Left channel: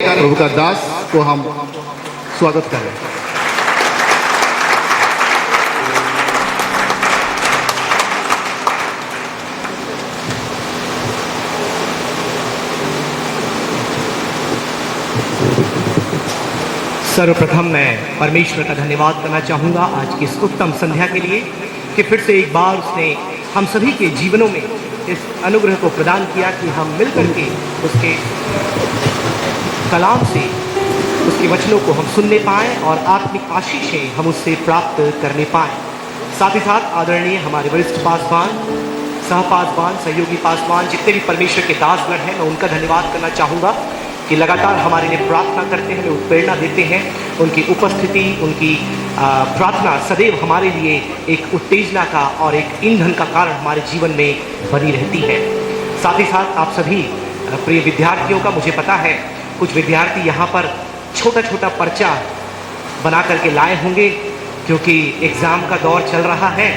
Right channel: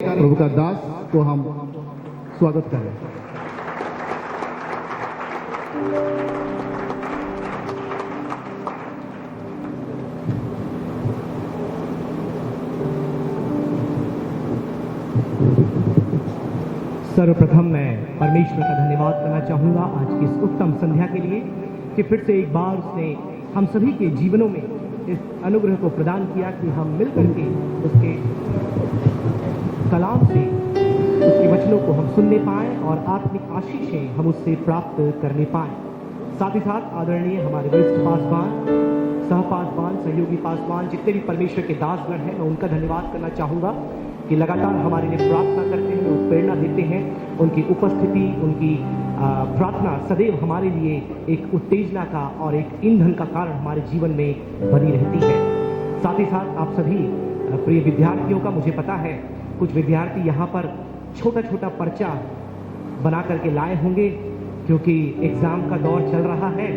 प्रभु का दास को हम स्वागत करें। सर्वप्रथम मैं परमेश्वर का धन्यवाद करना चाहूँगा आज की इस उत्तम संध्या के लिए कि फिर से एक बार उसने हम सभी के जीवनों में इस अनुग्रह को प्रदान किया कि हम मिलकर के उसके कलाम से उसके वचनों को हम सुनने पाएँ और आत्मिक आशीषें हम उससे प्राप्त करने पाएँ। साथ ही साथ आदरणीय हमारे वरिष्ठ पासवान, सह पासवान, सहयोगी पासवान, जितने भी परमेश्वर के दासगण हैं, मैं उनका धन्यवाद करना चाहूँगा कि लगातार हमारे लिए प्रार्थना करते हैं, हमें उत्प्रेरणा देते हैं। उनकी उपस्थिति, उनकी प्रार्थना सदैव हमारे लिए एक उत्तेजना का और एक ईंधन का कारण हमारे जीवन में बनी रहती है। साथ ही साथ आप सभी प्रिय विद्यार्थियों का, मुझे पता है कुछ विद्यार्थी यहाँ पर छोटा छोटा पर्चा बना करके लाए होंगे क्योंकि एग्ज़ाम का दौर चल रहा है।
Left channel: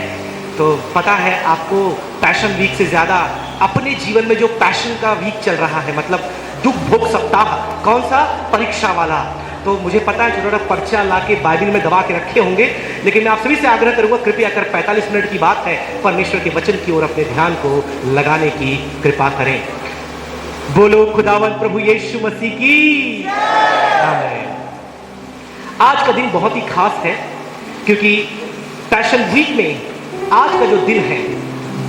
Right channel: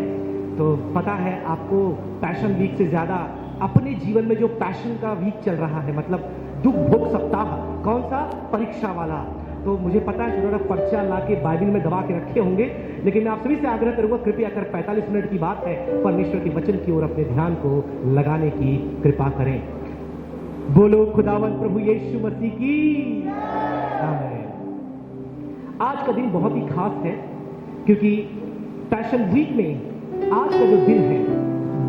तो पता है आपको पैशन वीक से ज़्यादा अपने जीवन में जो पैशन का वीक चल रहा है, मतलब दुख भोग सप्ताह, कौन सा? परीक्षा वाला। तो मुझे पता है छोटा पर्चा ला के बाइबल में दबा के रखे होंगे, लेकिन मैं आप सभी से आग्रह करूंगा, कृपया कर 45 मिनट की बात है, परमेश्वर के वचन की ओर अपने ध्यान को लगाने की कृपा करें। बोलो खुदावंद प्रभु यीशु मसीह की आमीन। आज का दिन बहुत ही खास है क्योंकि पैशन वीक में आज का जो दिन है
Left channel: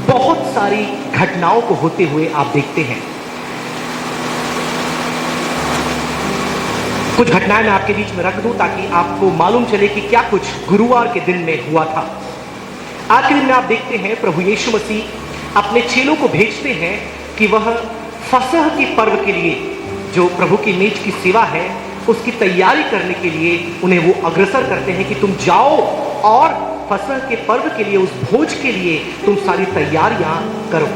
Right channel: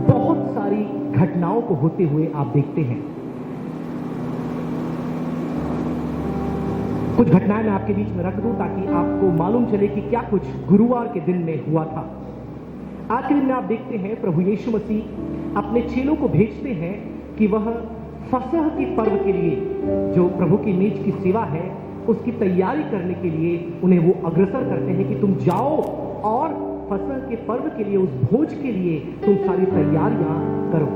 बहुत सारी घटनाओं को होते हुए आप देखते हैं। कुछ घटनाएं मैं आपके बीच में रख दूं ताकि आपको मालूम चले कि क्या कुछ गुरुवार के दिन में हुआ था। आज के दिन में आप देखते हैं प्रभु यीशु मसीह अपने चेलों को भेजते हैं कि वह फसह के पर्व के लिए, जो प्रभु की मेज की सेवा है, उसकी तैयारी करने के लिए उन्हें वो अग्रसर करते हैं कि तुम जाओ और फसह के पर्व के लिए, उस भोज के लिए तुम सारी तैयारियां करो।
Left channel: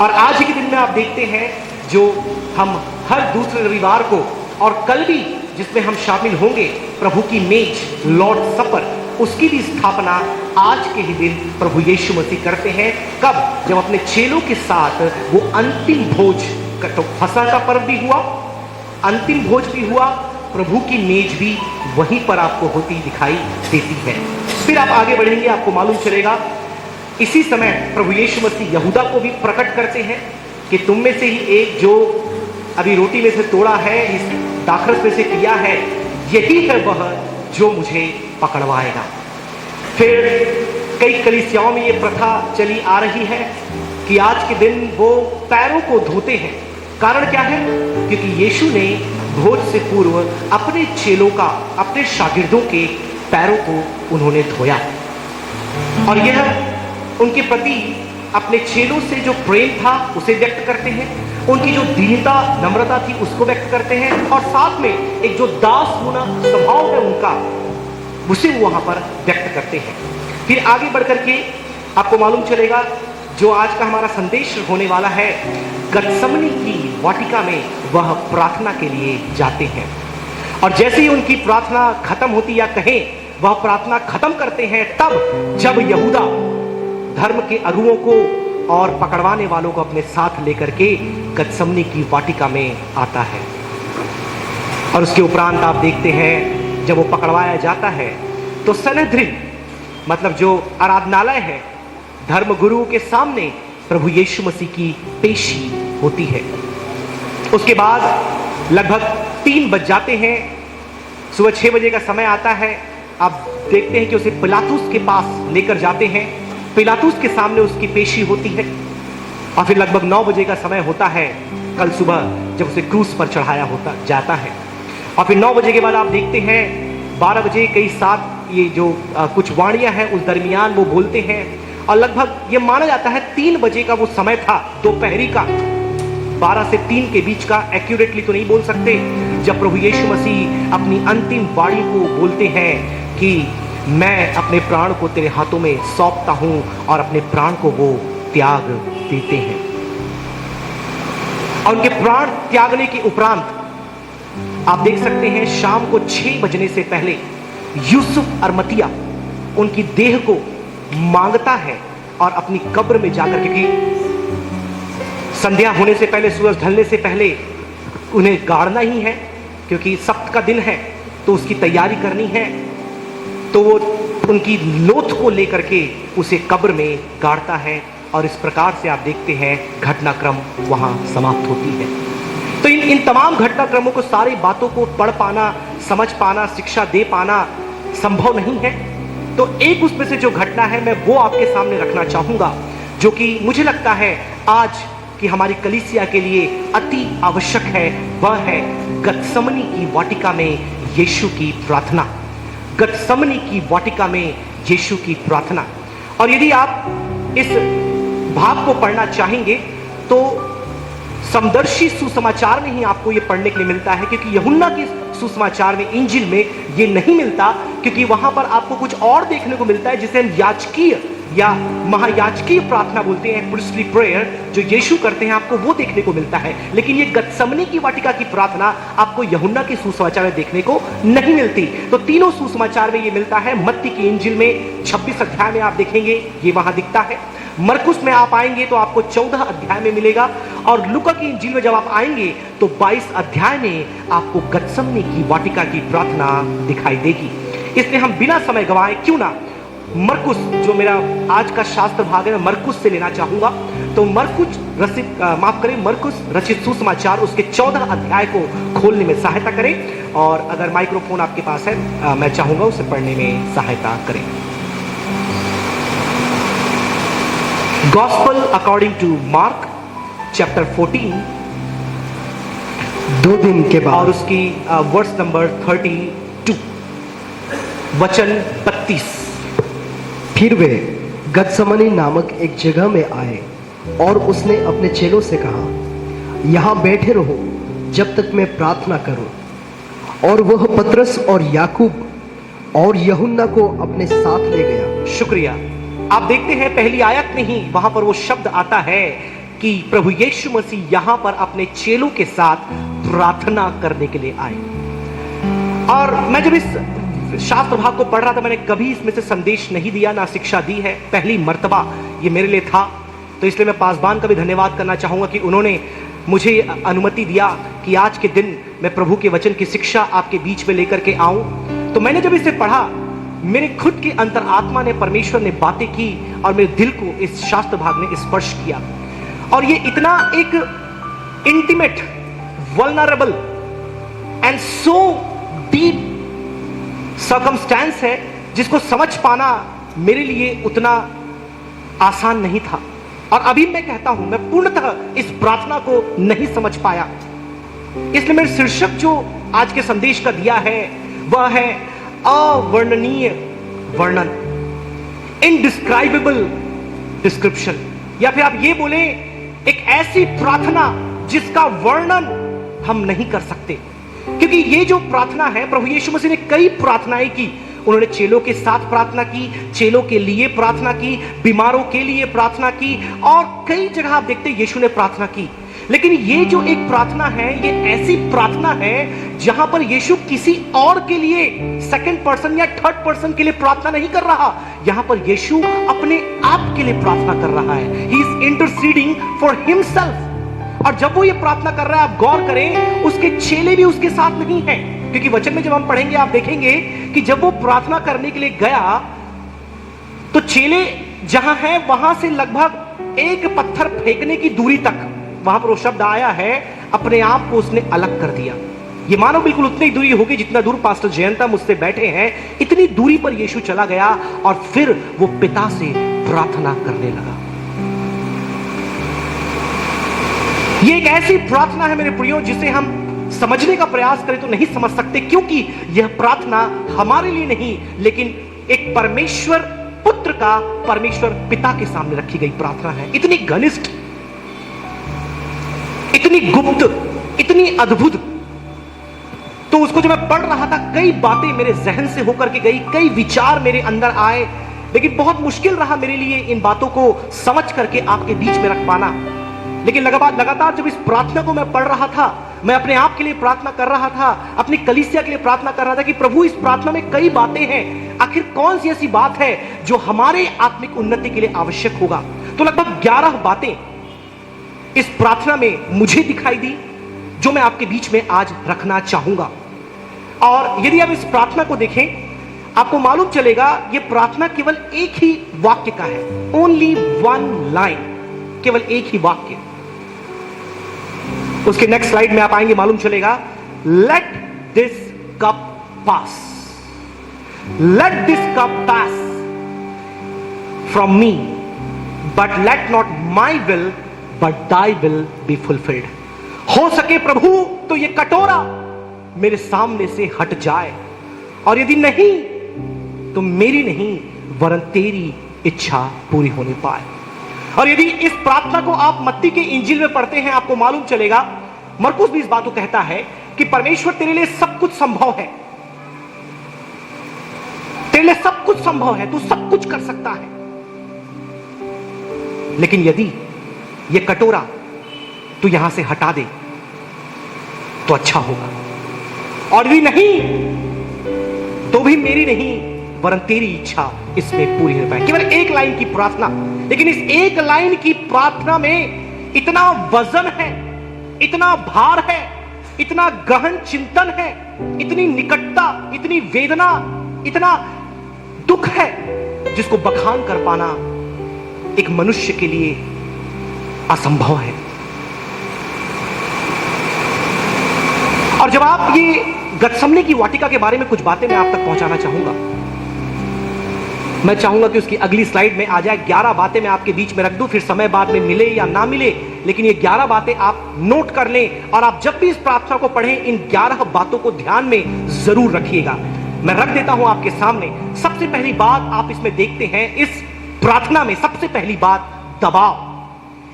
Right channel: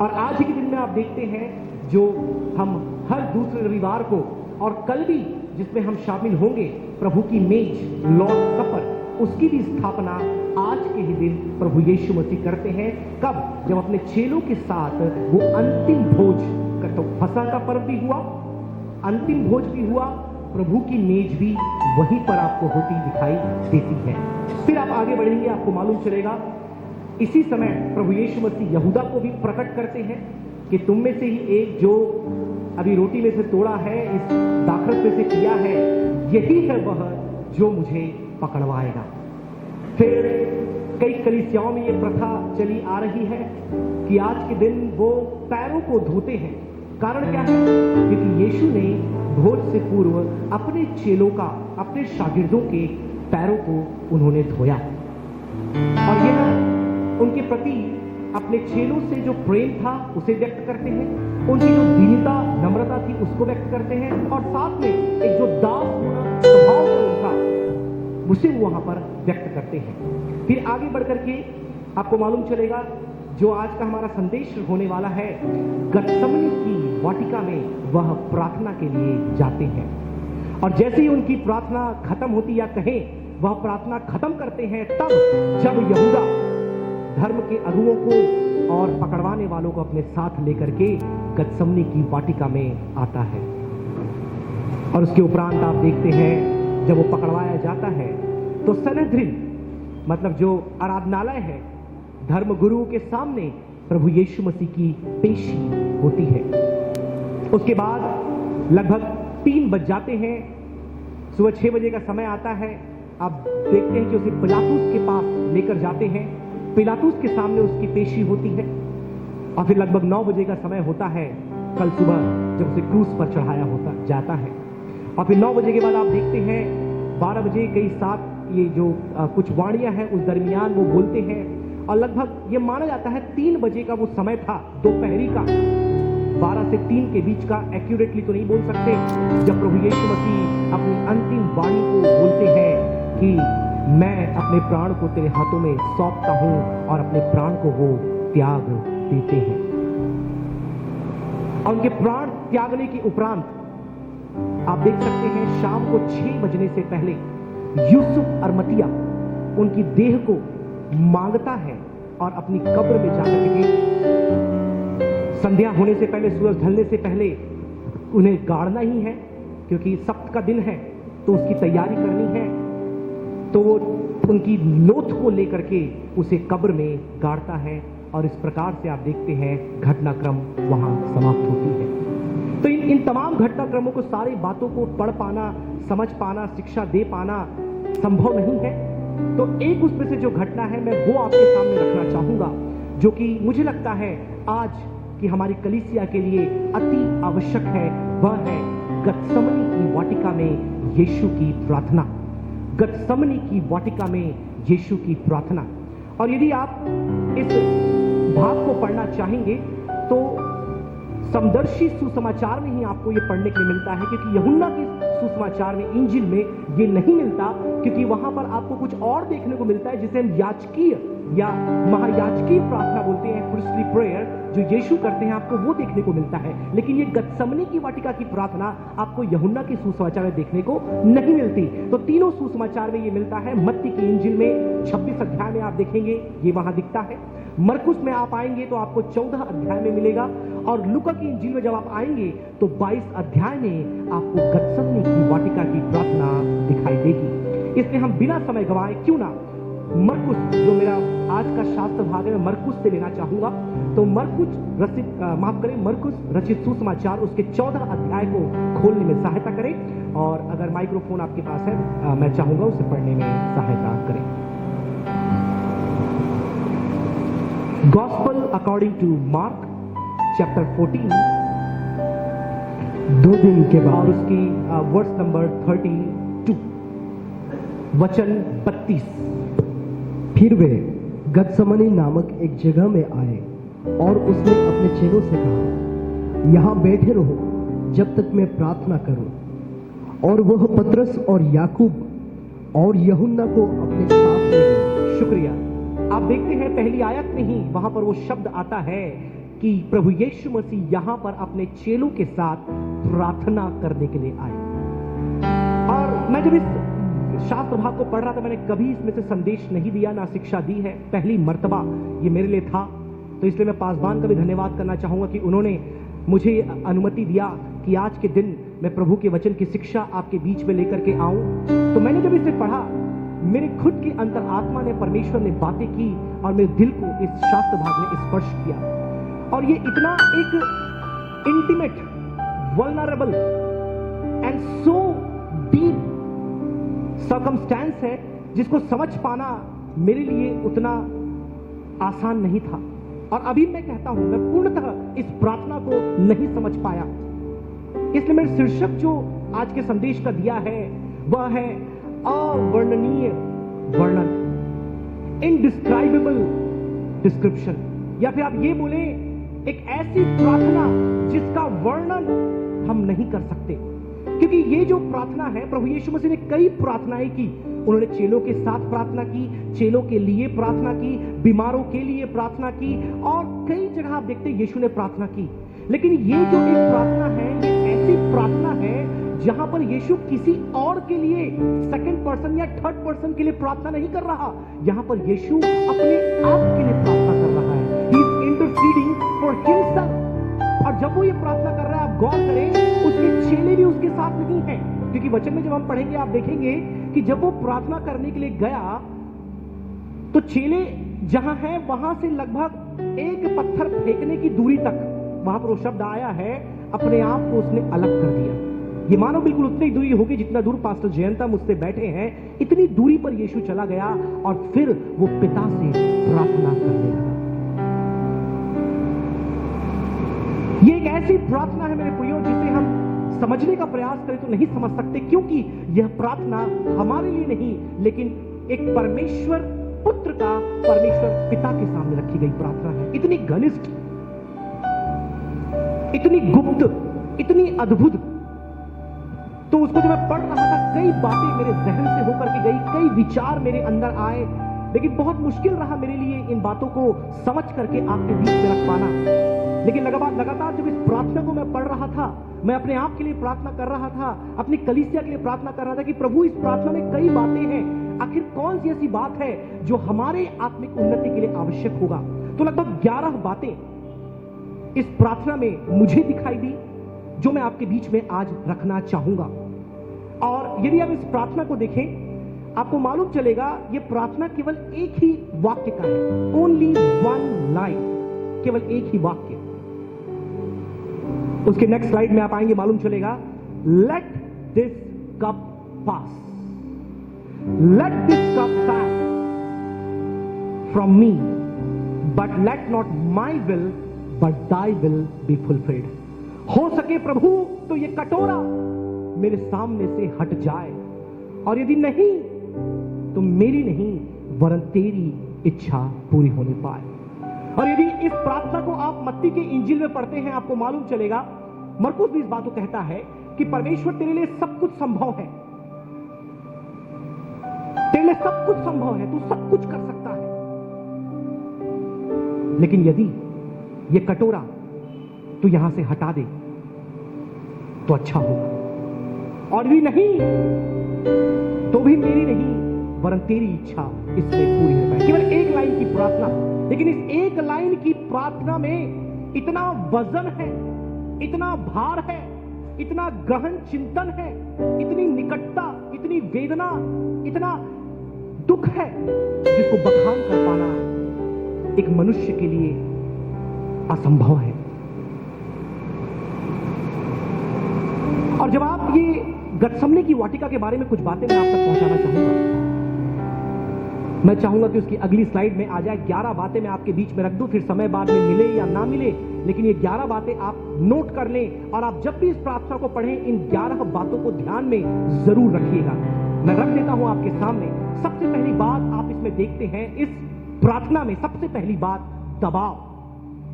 और आज ही के दिन में आप देखते हैं जो हम हर दूसरे रविवार को और कल भी जिसमें हम शामिल होंगे, प्रभु की मेज, लॉर्ड सपर, उसकी भी स्थापना आज के ही दिन प्रभु यीशु मसीह करते हैं। कब? जब अपने चेलों के साथ वो अंतिम भोज, तो फसह का पर्व भी हुआ, अंतिम भोज भी हुआ, प्रभु की मेज भी वहीं पर आपको होती दिखाई देती है। फिर आप आगे बढ़ेंगे, आपको मालूम चलेगा इसी समय प्रभु यीशु मसीह यहूदा को भी प्रकट करते हैं कि तुम में से ही एक जो अभी रोटी में से तोड़ा है, इस दाखरस में से किया है, यही है वह जो मुझे पकड़वाएगा। फिर कई कलीसियाओं में ये प्रथा चली आ रही है कि आज के दिन वो पैरों को धोते हैं। कारण क्या है? क्योंकि यीशु ने भोज से पूर्व अपने चेलों का, अपने शागिर्दों के पैरों को उन्होंने धोया और यह उनके प्रति अपने चेलों से जो प्रेम था उसे व्यक्त करते हैं, उनकी जो दीनता, नम्रता थी उसको व्यक्त करते हैं और साथ में एक जो दास होना स्वभाव है उनका, उसे वहां पर व्यक्त करते हैं। फिर आगे बढ़कर के आपको मालूम चलेगा जो आज का हमारा संदेश होने वाला है, गतसमनी की वाटिका में वह प्रार्थना के लिए जाते हैं और जैसे ही उनकी प्रार्थना खत्म होती, या कहें वह प्रार्थना खत्म करते हैं, तब जब यहूदा धर्म के अगुओं को और पकड़वाने वालों को अपने साथ लेकर के गतसमनी की वाटिका में आता है। और उसके उपरांत आप देखते हैं जब वो पकड़वाया जाता है तो सनेद्रिन, मतलब जो आराधनालय है, धर्म गुरुओं के सामने प्रभु यीशु मसीह की पेशी होती है। उसके बाद लगभग 3 बज जाते हैं, सुबह 6 बजे का समय आता है। आप देखते हैं कि उसे पिलातुस के पास लेकर जाते हैं, पिलातुस के सामने उसकी पेशी होती है और फिर लगभग 9 बजे का समय होता है कल सुबह, जब उसे क्रूस पर चढ़ाया होता जाता है। और फिर 9 बजे के बाद आप देखते हैं 12 बजे कई साथ ये जो कुछ वाणियां हैं उस दरमियान वो बोलते हैं और लगभग ये माना जाता है 3 बजे का वो समय था, दोपहरी का, 12 से 3 के बीच का, एक्यूरेटली तो नहीं बोल सकते, जब प्रभु यीशु मसीह अपनी अंतिम वाणी को बोलते हैं कि मैं अपने प्राण को तेरे हाथों में सौंपता हूं और अपने प्राण को वो त्याग देते हैं। और उनके प्राण त्यागने के उपरांत आप देख सकते हैं शाम को 6 बजने से पहले यूसुफ अरमतिया उनकी देह को मांगता है और अपनी कब्र में जाकर, क्योंकि संध्या होने से पहले, सूरज ढलने से पहले उन्हें गाड़ना ही है, क्योंकि सप्त का दिन है तो उसकी तैयारी करनी है। तो वो उनकी लोथ को लेकर के उसे कब्र में गाड़ता है और इस प्रकार से आप देखते हैं घटनाक्रम वहां समाप्त होती है। तो इन तमाम घटनाक्रमों को, सारी बातों को पढ़ पाना, समझ पाना, शिक्षा दे पाना संभव नहीं है। तो एक उसमें से जो घटना है मैं वो आपके सामने रखना चाहूंगा, जो कि मुझे लगता है आज की हमारी कलीसिया के लिए अति आवश्यक है। वह है गतसमनी की वाटिका में यीशु की प्रार्थना। गतसमनी की वाटिका में यीशु की प्रार्थना। और यदि आप इस भाग को पढ़ना चाहेंगे तो समदर्शी सुसमाचार में ही आपको यह पढ़ने के लिए मिलता है, क्योंकि यूहन्ना की सुसमाचार में, इंजिल में यह नहीं मिलता, क्योंकि वहां पर आपको कुछ और देखने को मिलता है जिसे हम याजकीय या महायाजकीय प्रार्थना बोलते हैं, प्रीस्टली प्रेयर, जो यीशु करते हैं, आपको वो देखने को मिलता है। लेकिन ये गतसमनी की वाटिका की प्रार्थना आपको यूहन्ना के सुसमाचार में देखने को नहीं मिलती। तो तीनों सुसमाचार में ये मिलता है। मत्ती की इंजिल में 26 अध्याय में आप देखेंगे ये वहां दिखता है। मरकुस में आप आएंगे तो आपको 14 अध्याय में मिलेगा, और लूका की इंजिल में जब आप आएंगे तो 22 अध्याय में आपको गतसमनी की वाटिका की प्रार्थना दिखाई देगी। इसलिए हम बिना समय गवाए क्यों ना मरकुस, जो मेरा आज का शास्त्र भाग है, मैं मरकुस से लेना चाहूंगा। तो मरकुस रचित सुसमाचार उसके 14 अध्याय को खोलने में सहायता करें, और अगर माइक्रोफोन आपके पास है मैं चाहूंगा उसे पढ़ने में सहायता करें। Gospel according to Mark chapter 14, 2 दिन के और बाद उसकी वर्स नंबर 32, वचन 32। फिर वे गतसमनी नामक एक जगह में आए और उसने अपने चेलों से कहा, यहाँ बैठे रहो जब तक मैं प्रार्थना करूं। और वह पतरस और याकूब और यूहन्ना को अपने साथ ले गया। शुक्रिया। आप देखते हैं पहली आयत में ही वहां पर वो शब्द आता है कि प्रभु यीशु मसीह यहां पर अपने चेलों के साथ प्रार्थना करने के लिए आए। और मैं जब इस शास्त्र भाग को पढ़ रहा था, मैंने कभी इसमें से संदेश नहीं दिया, ना शिक्षा दी है, पहली मर्तबा ये मेरे लिए था। तो इसलिए मैं पासबान का भी धन्यवाद करना चाहूंगा कि उन्होंने मुझे अनुमति दिया कि आज के दिन मैं प्रभु के वचन की शिक्षा आपके बीच में लेकर के आऊं। तो मैंने जब इसे पढ़ा, मेरे खुद की अंतरात्मा ने, परमेश्वर ने बातें की और मेरे दिल को इस शास्त्र भाग ने स्पर्श किया। और ये इतना एक intimate, vulnerable and so deep circumstance है जिसको समझ पाना मेरे लिए उतना आसान नहीं था। और अभी मैं कहता हूं, मैं पूर्णतः इस प्रार्थना को नहीं समझ पाया। इसलिए मेरे शीर्षक जो आज के संदेश का दिया है वह है अवर्णनीय वर्णन, इनडिस्क्राइबेबल डिस्क्रिप्शन, या फिर आप ये बोले एक ऐसी प्रार्थना जिसका वर्णन हम नहीं कर सकते। क्योंकि ये जो प्रार्थना है, प्रभु यीशु मसीह ने कई प्रार्थनाएं की। उन्होंने चेलों के साथ प्रार्थना की, चेलों के लिए प्रार्थना की, बीमारों के लिए प्रार्थना की, और कई जगह आप देखते हैं यीशु ने प्रार्थना की। लेकिन ये जो एक प्रार्थना है, ये ऐसी प्रार्थना है जहां पर यीशु किसी और के लिए, सेकंड पर्सन या थर्ड पर्सन के लिए प्रार्थना नहीं कर रहा। यहां पर यीशु अपने आप के लिए प्रार्थना कर रहा है। He is interceding for himself. और जब वो ये प्रार्थना कर रहा है, आप गौर करें, उसके चेले भी उसके साथ नहीं है। क्योंकि वचन में जब हम पढ़ेंगे आप देखेंगे कि जब वो प्रार्थना करने के लिए गया तो चेले जहां है वहां से लगभग एक पत्थर फेंकने की दूरी तक, वहां पर वो शब्द आया है, अपने आप को उसने अलग कर दिया। ये मानो बिल्कुल उतनी दूरी होगी जितना दूर पास्टर जयंता मुझसे बैठे हैं, इतनी दूरी पर यीशु चला गया और फिर वो पिता से प्रार्थना करने लगा। ये एक ऐसी प्रार्थना है मेरे प्रियो जिसे हम समझने का प्रयास करें तो नहीं समझ सकते, क्योंकि यह प्रार्थना हमारे लिए नहीं, लेकिन एक परमेश्वर पुत्र का, परमेश्वर पिता के सामने रखी गई प्रार्थना है। इतनी घनिष्ठ, इतनी गुप्त, इतनी अद्भुत। तो उसको जब मैं पढ़ रहा था, कई बातें मेरे जहन से होकर के गई, कई विचार मेरे अंदर आए, लेकिन बहुत मुश्किल रहा मेरे लिए इन बातों को समझ करके आपके बीच में रख पाना। लेकिन लगातार जब इस प्रार्थना को मैं पढ़ रहा था, मैं अपने आप के लिए प्रार्थना कर रहा था, अपनी कलीसिया के लिए प्रार्थना कर रहा था कि प्रभु इस प्रार्थना में कई बातें हैं, आखिर कौन सी ऐसी बात है जो हमारे आत्मिक उन्नति के लिए आवश्यक होगा। तो लगभग 11 बातें इस प्रार्थना में मुझे दिखाई दी, जो मैं आपके बीच में आज रखना चाहूंगा। और यदि आप इस प्रार्थना को देखें, आपको मालूम चलेगा यह प्रार्थना केवल एक ही वाक्य का है, ओनली वन लाइन, केवल एक ही वाक्य। उसके नेक्स्ट स्लाइड में आप आएंगे, मालूम चलेगा, let this cup pass, let this cup pass from me, but let not my will but thy will be fulfilled. हो सके प्रभु तो यह कटोरा मेरे सामने से हट जाए, और यदि नहीं तो मेरी नहीं वरन तेरी इच्छा पूरी होने पाए। और यदि इस प्रार्थना को आप मत्ती के इंजील में पढ़ते हैं, आपको मालूम चलेगा, मरकुस भी इस बात को कहता है कि परमेश्वर तेरे लिए सब कुछ संभव है, तेरे लिए सब कुछ संभव है, तू सब कुछ कर सकता है, लेकिन यदि यह कटोरा तू यहां से हटा दे तो अच्छा होगा, और यदि नहीं तो भी मेरी नहीं वरन तेरी इच्छा इसमें पूरी हो पाए। केवल एक लाइन की प्रार्थना, लेकिन इस एक लाइन की प्रार्थना में इतना वजन है, इतना भार है, इतना गहन चिंतन है, इतनी निकटता, इतनी वेदना, इतना दुख है, जिसको बखान कर पाना एक मनुष्य के लिए असंभव है। और जब आप ये गतसमने की वाटिका के बारे में कुछ बातें मैं आप तक पहुंचाना चाहूंगा, मैं चाहूंगा कि उसकी अगली स्लाइड में आ जाए। 11 बातें मैं आपके बीच में रख दूं, फिर समय बाद में मिले या ना मिले, लेकिन ये 11 बातें आप नोट कर लें, और आप जब भी इस प्रार्थना को पढ़ें इन 11 बातों को ध्यान में जरूर रखिएगा। मैं रख देता हूं आपके सामने। सबसे पहली बात आप इसमें देखते हैं, इस प्रार्थना में सबसे पहली बात दबाव।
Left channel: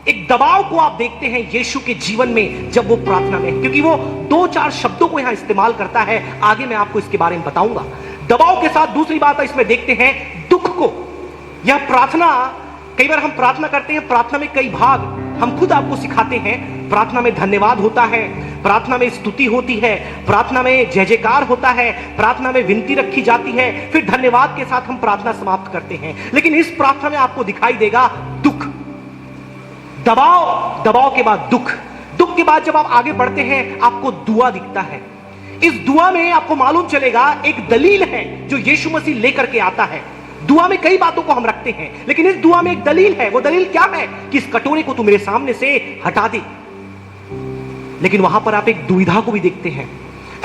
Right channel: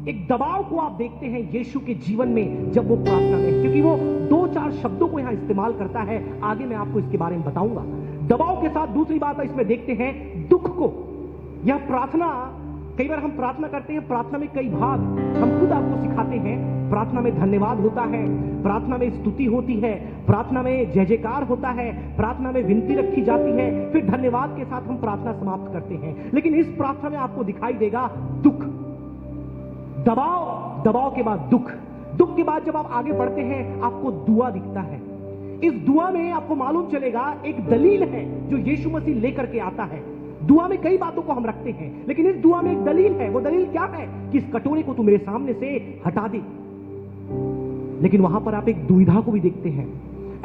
एक दबाव को आप देखते हैं यीशु के जीवन में जब वो प्रार्थना में है, क्योंकि वो 2-4 शब्दों को यहां इस्तेमाल करता है, आगे मैं आपको इसके बारे में बताऊंगा। दबाव के साथ दूसरी बात इसमें देखते हैं दुख को। यह प्रार्थना, कई बार हम प्रार्थना करते हैं, प्रार्थना में कई भाग हम खुद आपको सिखाते हैं। प्रार्थना में धन्यवाद होता है, प्रार्थना में स्तुति होती है, प्रार्थना में जय जयकार होता है, प्रार्थना में विनती रखी जाती है, फिर धन्यवाद के साथ हम प्रार्थना समाप्त करते हैं। लेकिन इस प्रार्थना में आपको दिखाई देगा दुख, दबाव, दबाव के बाद दुख, दुख के बाद जब आप आगे बढ़ते हैं आपको दुआ दिखता है। इस दुआ में आपको मालूम चलेगा एक दलील है जो यीशु मसीह लेकर के आता है। दुआ में कई बातों को हम रखते हैं, लेकिन इस दुआ में एक दलील है। वो दलील क्या है? कि इस कटोरे को तू मेरे सामने से हटा दे। लेकिन वहां पर आप एक दुविधा को भी देखते हैं,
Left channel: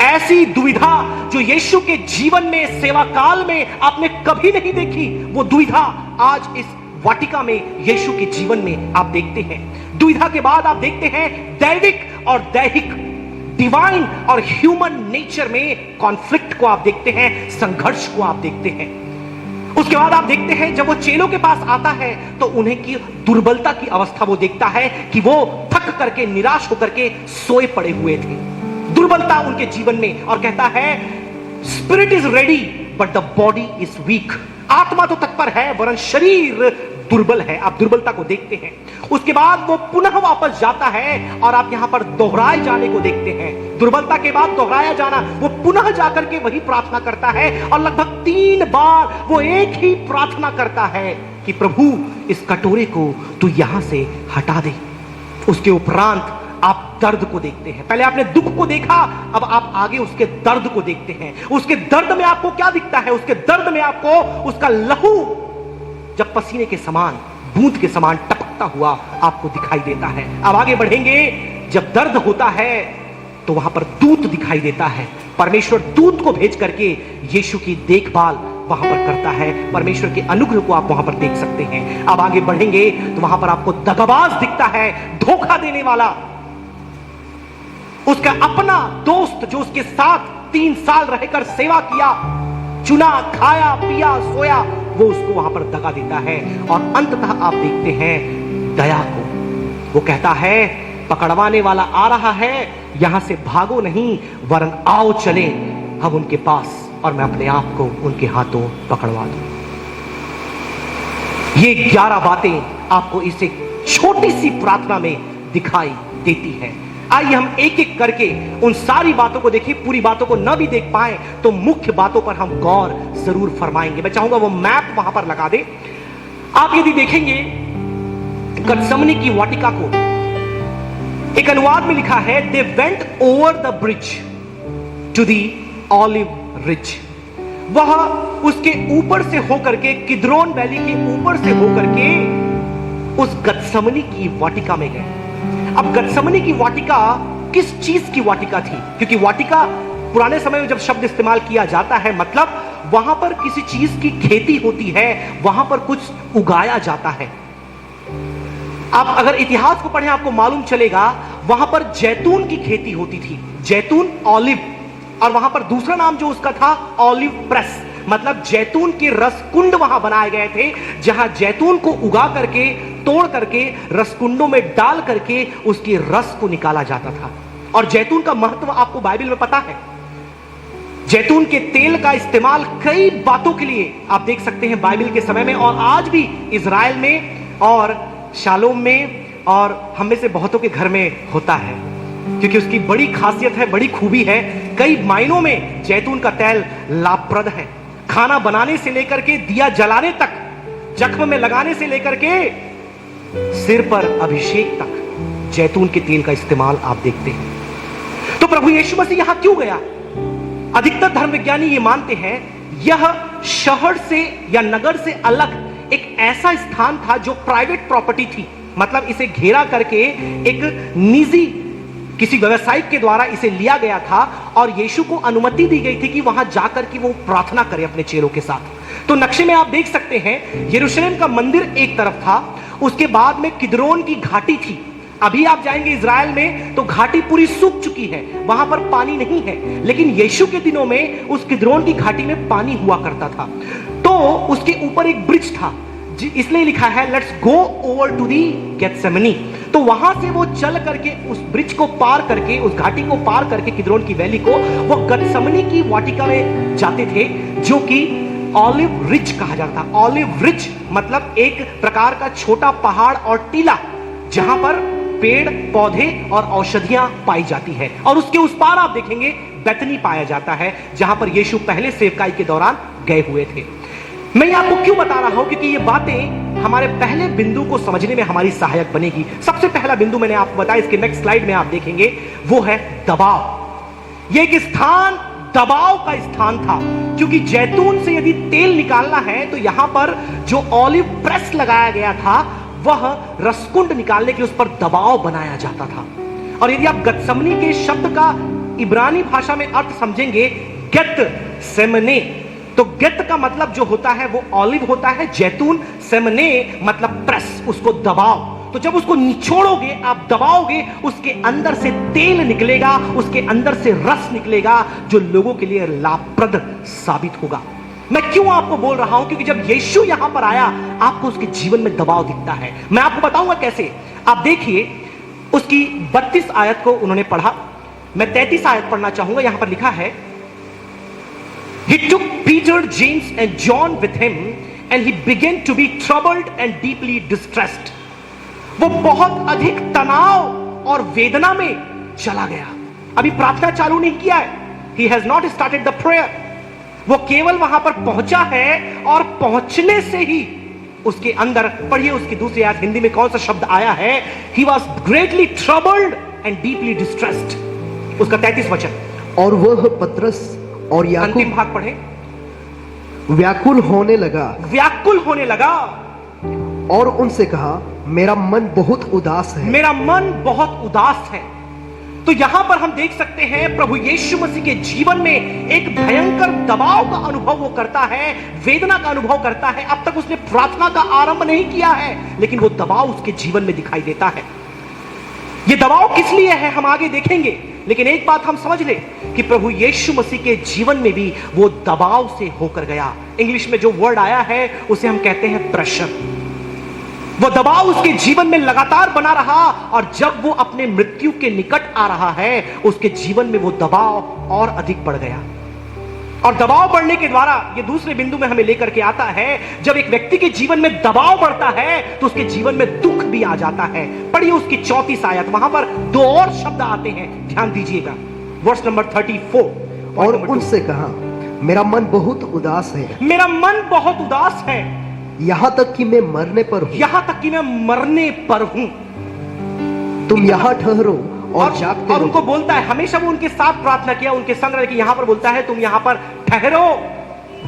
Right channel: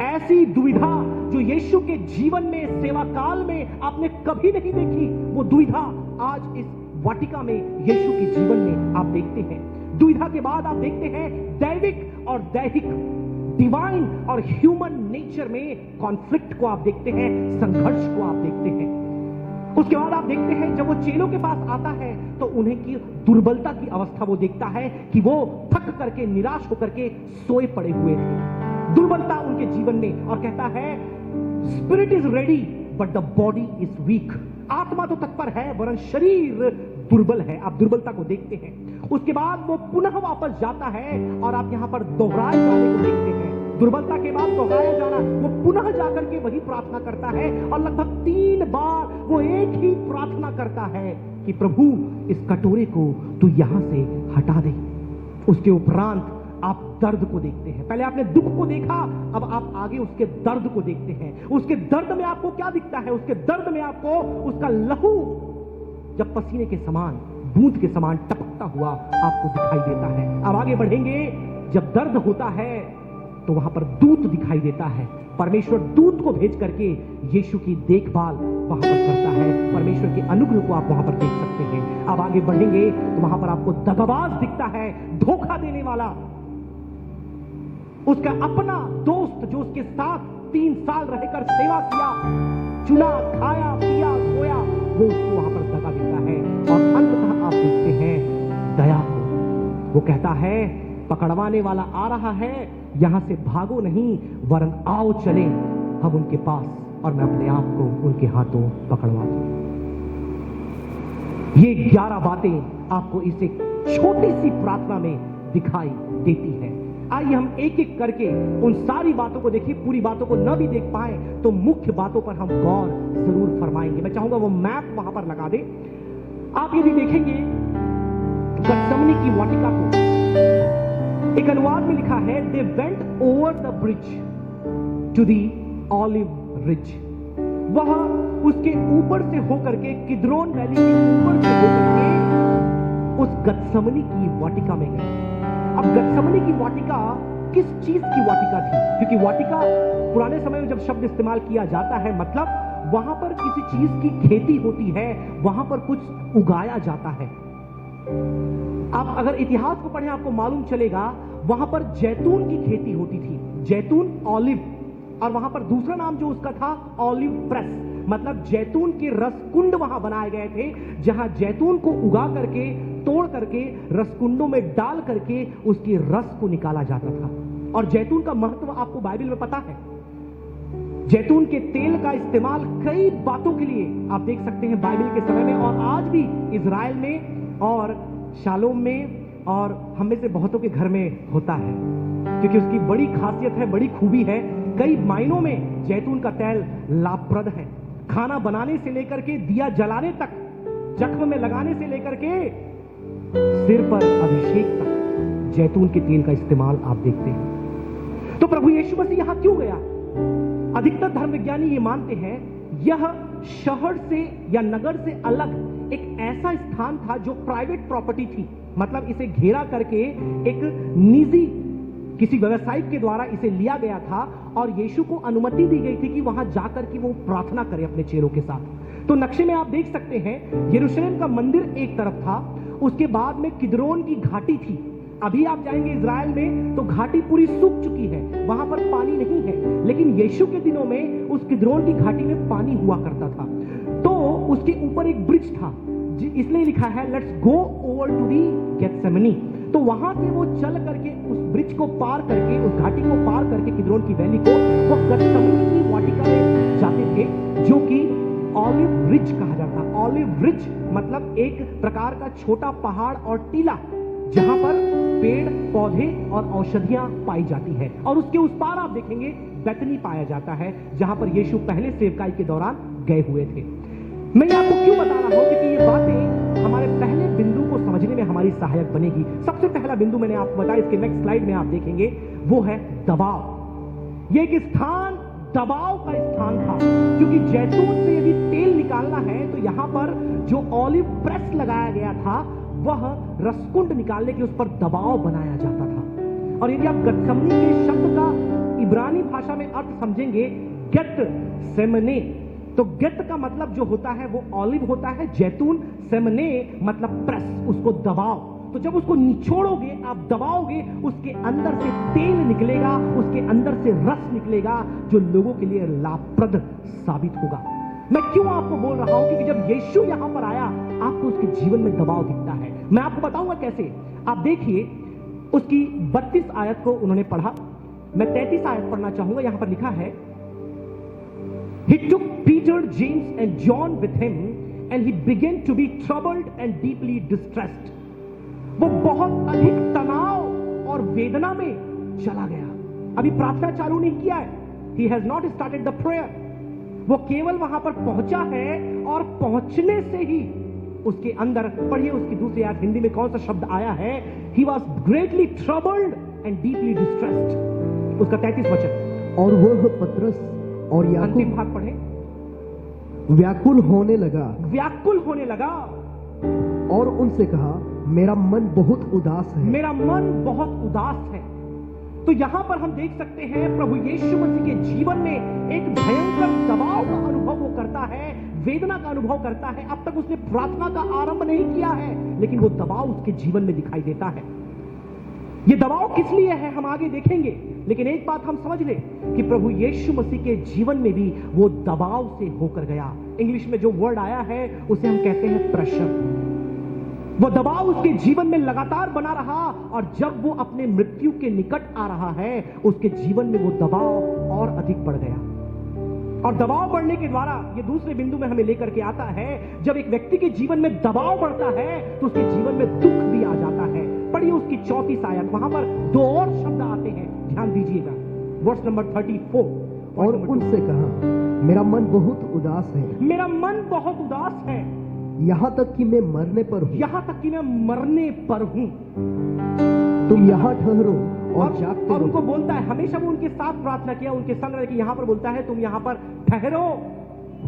ऐसी दुविधा जो यीशु के जीवन में, सेवा काल में आपने कभी नहीं देखी। वो दुविधा आज इस वाटिका में यीशु के जीवन में आप देखते हैं। दुविधा के बाद आप देखते हैं दैविक और दैहिक, डिवाइन और ह्यूमन नेचर में कॉन्फ्लिक्ट को आप देखते हैं, संघर्ष को आप देखते हैं। उसके बाद आप देखते हैं जब वो चेलों के पास आता है तो उन्हें की दुर्बलता की अवस्था वो देखता है कि वो थक करके, निराश होकर के सोए पड़े हुए थे। दुर्बलता उनके जीवन में, और कहता है spirit is ready but the body is weak. आत्मा तो तत्पर है वरन शरीर दुर्बल है। आप दुर्बलता को देखते हैं। उसके बाद वो पुनः वापस जाता है और आप यहां पर दोहराए जाने को देखते हैं। दुर्बलता के बाद दोहराया जाना, वो पुनः जाकर के वही प्रार्थना करता है, और लगभग 3 बार वो एक ही प्रार्थना करता है कि प्रभु इस कटोरे को तू यहां से हटा दे। उसके उपरांत आप दर्द को देखते हैं। पहले आपने दुख को देखा, अब आप आगे उसके दर्द को देखते हैं। उसके दर्द में आपको क्या दिखता है? उसके दर्द में आपको उसका लहू जब पसीने के समान, बूंद के समान टपकता हुआ आपको दिखाई देता है। अब आगे बढ़ेंगे, जब दर्द होता है तो वहां पर दूत दिखाई देता है। परमेश्वर दूत को भेज करके यीशु की देखभाल वहां पर करता है। परमेश्वर के अनुग्रह को आप वहां पर देख सकते हैं। अब आगे बढ़ेंगे तो वहां पर आपको दगाबाज दिखता है, धोखा देने वाला, उसका अपना दोस्त जो उसके साथ 3 साल रहकर सेवा किया, चुना, खाया, पिया, सोया, वो उसको वहां पर दगा देता है। और अंततः आप देखते हैं दया को। वो कहता है पकड़वाने वाला आ रहा है, यहां से भागो नहीं वरन आओ चले हम उनके पास, और मैं अपने आप को उनके हाथों पकड़वा दूं। ये 11 बातें आपको इस एक छोटी सी प्रार्थना में दिखाई देती है। आइए हम एक एक करके उन सारी बातों को देखिए। पूरी बातों को न भी देख पाए तो मुख्य बातों पर हम गौर जरूर फरमाएंगे। मैं चाहूंगा वो मैप वहां पर लगा दे। आप यदि देखेंगे गतसमनी की वाटिका को, एक अनुवाद में लिखा है, they went over the bridge to the olive ridge. वह उसके ऊपर से होकर के, किद्रोन वैली के ऊपर से होकर के उस गत्समनी की वाटिका में गए। अब गत्समनी की वाटिका किस चीज की वाटिका थी? क्योंकि वाटिका पुराने समय में जब शब्द इस्तेमाल किया जाता है, मतलब वहां पर किसी चीज की खेती होती है, वहां पर कुछ उगाया जाता है। आप अगर इतिहास को पढ़ें आपको मालूम चलेगा वहां पर जैतून की खेती होती थी, जैतून ऑलिव, और वहां पर दूसरा नाम जो उसका था ऑलिव प्रेस, मतलब जैतून के रस कुंड वहां बनाए गए थे, जहां जैतून को उगा करके, तोड़ करके, रसकुंडों में डाल करके उसके रस को निकाला जाता था। और जैतून का महत्व आपको बाइबल में पता है। जैतून के तेल का इस्तेमाल कई बातों के लिए आप देख सकते हैं बाइबल के समय में, और आज भी इजराइल में और शालोम में और हम में से बहुतों के घर में होता है, क्योंकि उसकी बड़ी खासियत है, बड़ी खूबी है। कई मायनों में जैतून का तेल लाभप्रद है। खाना बनाने से लेकर के दिया जलाने तक, जख्म में लगाने से लेकर के सिर पर अभिषेक तक जैतून के तेल का इस्तेमाल आप देखते हैं। तो प्रभु यीशु मसीह यहां क्यों गया? अधिकतर धर्मविज्ञानी ये मानते हैं यह शहर से या नगर से अलग एक ऐसा स्थान था जो प्राइवेट प्रॉपर्टी थी, मतलब इसे घेरा करके एक निजी किसी व्यवसायिक के द्वारा इसे लिया गया था, और यीशु को अनुमति दी गई थी कि वहां जाकर के वो प्रार्थना करे अपने चेलों के साथ। तो नक्शे में आप देख सकते हैं यरूशलेम का मंदिर एक तरफ था, उसके बाद में किद्रोन की घाटी थी। अभी आप जाएंगे इजराइल में तो घाटी पूरी सूख चुकी है, वहां पर पानी नहीं है, लेकिन यीशु के दिनों में उस किद्रोन की घाटी में पानी हुआ करता था। तो उसके ऊपर एक ब्रिज था, इसलिए लिखा है let's go over to the Gethsemane. तो वहां से वो चल करके उस ब्रिज को पार करके, उस घाटी को पार करके, किद्रोन की वैली को, वो गेत्सेमनी की वाटिका में जाते थे, जो कि ऑलिव रिज कहा जाता था। ऑलिव रिज मतलब एक प्रकार का छोटा पहाड़ और टीला जहां पर पेड़ पौधे और औषधियां पाई जाती है, और उसके उस पार आप देखेंगे बेतनी पाया जाता है, जहां पर यीशु पहले सेवकाई के दौरान गए हुए थे। मैं आपको क्यों बता रहा हूं? क्योंकि ये बातें हमारे पहले बिंदु को समझने में हमारी सहायक बनेगी। सबसे पहला बिंदु मैंने आपको बताया, इसके नेक्स्ट स्लाइड में आप देखेंगे, वो है दबाव। ये एक स्थान दबाव का स्थान था, क्योंकि जैतून से यदि तेल निकालना है तो यहां पर जो ऑलिव प्रेस लगाया गया था वह रसकुंड निकालने के लिए उस पर दबाव बनाया जाता था। और यदि आप गत्समनी के शब्द का इब्रानी भाषा में अर्थ समझेंगे, गेत सेमने, तो गेत का मतलब जो होता है वो ऑलिव होता है, जैतून, सेमने मतलब प्रेस, उसको दबाव। तो जब उसको निचोड़ोगे, आप दबाओगे, उसके अंदर से तेल निकलेगा, उसके अंदर से रस निकलेगा, जो लोगों के लिए लाभप्रद साबित होगा। मैं क्यों आपको बोल रहा हूं? क्योंकि जब यीशु यहां पर आया आपको उसके जीवन में दबाव दिखता है। मैं आपको बताऊंगा कैसे। आप देखिए उसकी 32 आयत को उन्होंने पढ़ा, मैं 33 आयत पढ़ना चाहूंगा। यहां पर लिखा है, He took Peter, James and John with him and he began to be troubled and deeply distressed. वो बहुत अधिक तनाव और वेदना में चला गया। अभी प्रार्थना चालू नहीं किया है। He has not started the prayer. वो केवल वहां पर पहुंचा है, और पहुंचने से ही उसके अंदर, पढ़िए उसकी दूसरी आयत हिंदी में कौन सा शब्द आया है, He was greatly troubled and deeply distressed. उसका 33 वचन, और वह पतरस और अंतिम याकूब भाग पढ़े, व्याकुल होने लगा व्याकुल होने लगा और उनसे कहा, मेरा मन बहुत उदास है। मेरा मन बहुत उदास है। तो यहां पर हम देख सकते हैं प्रभु यीशु मसीह के जीवन में एक भयंकर दबाव का अनुभव वो करता है, वेदना का अनुभव करता है। अब तक उसने प्रार्थना का आरंभ नहीं किया है, लेकिन वो दबाव उसके जीवन में दिखाई देता है। ये दबाव किस लिए है हम आगे देखेंगे, लेकिन एक बात हम समझ ले कि प्रभु यीशु मसीह के जीवन में भी वो दबाव से होकर गया। इंग्लिश में जो वर्ड आया है उसे हम कहते हैं प्रेशर। वो दबाव उसके जीवन में लगातार बना रहा, और जब वो अपने मृत्यु के निकट आ रहा है उसके जीवन में वो दबाव और अधिक बढ़ गया। और दबाव बढ़ने के द्वारा ये दूसरे बिंदु में हमें लेकर के आता है, जब एक व्यक्ति के जीवन में दबाव बढ़ता है तो उसके जीवन में दुख भी आ जाता है। पढ़िए उसकी 34 आयत, वहां पर दो और शब्द आते हैं, ध्यान दीजिएगा। वर्स नंबर 34, और उनसे कहा, मेरा मन बहुत उदास है, मेरा मन बहुत उदास है, यहां तक कि मैं मरने पर हूं। यहां तक कि मैं मरने पर हूं। तुम यहाँ ठहरो और जागते और रहो। उनको बोलता है, हमेशा वो उनके साथ प्रार्थना किया, उनके संग रहे, कि यहां पर बोलता है तुम यहां पर ठहरो,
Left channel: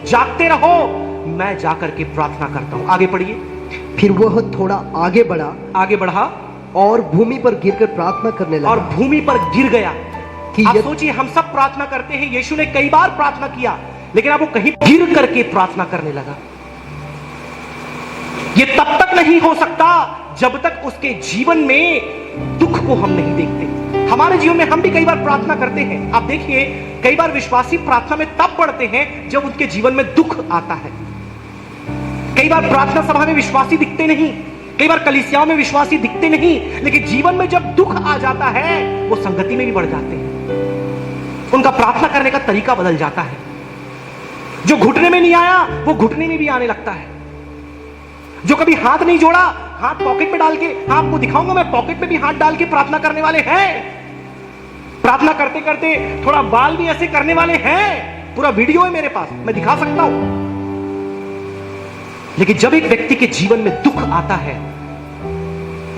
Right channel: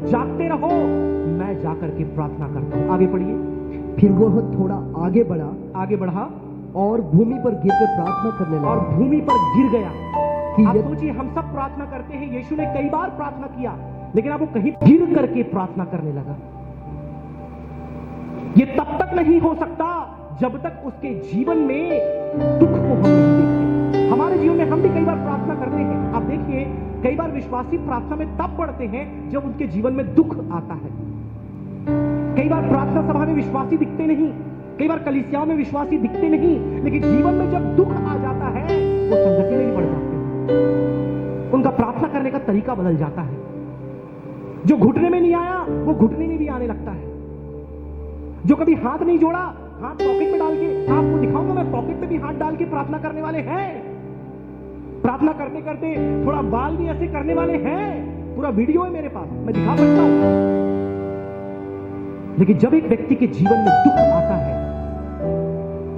जागते रहो, मैं जाकर के प्रार्थना करता हूं। आगे पढ़िए। फिर वह थोड़ा आगे बढ़ा आगे बढ़ा और भूमि पर गिरकर प्रार्थना करने और लगा भूमि पर गिर गया। कि आप यदि- सोचिए, हम सब प्रार्थना करते हैं, यीशु ने कई बार प्रार्थना किया, लेकिन अब वो कहीं गिर करके प्रार्थना करने लगा। ये तब तक नहीं हो सकता जब तक उसके जीवन में दुख को हम नहीं देखते। हमारे जीवन में हम भी कई बार प्रार्थना करते हैं। आप देखिए, कई बार विश्वासी प्रार्थना में तब पढ़ते हैं जब उनके जीवन में दुख आता है। कई बार प्रार्थना सभा में विश्वासी दिखते नहीं, कई बार कलीसियाओं में विश्वासी दिखते नहीं, लेकिन जीवन में जब दुख आ जाता है वो संगति में भी बढ़ जाते हैं। उनका प्रार्थना करने का तरीका बदल जाता है। जो घुटने में नहीं आया वो घुटने में भी आने लगता है। जो कभी हाथ नहीं जोड़ा, हाथ पॉकेट में डाल के, आपको दिखाऊंगा मैं, पॉकेट में भी हाथ डाल के प्रार्थना करने वाले हैं। प्रार्थना करते करते थोड़ा बाल भी ऐसे करने वाले हैं। पूरा वीडियो है मेरे पास, मैं दिखा सकता हूं। लेकिन जब एक व्यक्ति के जीवन में दुख आता है,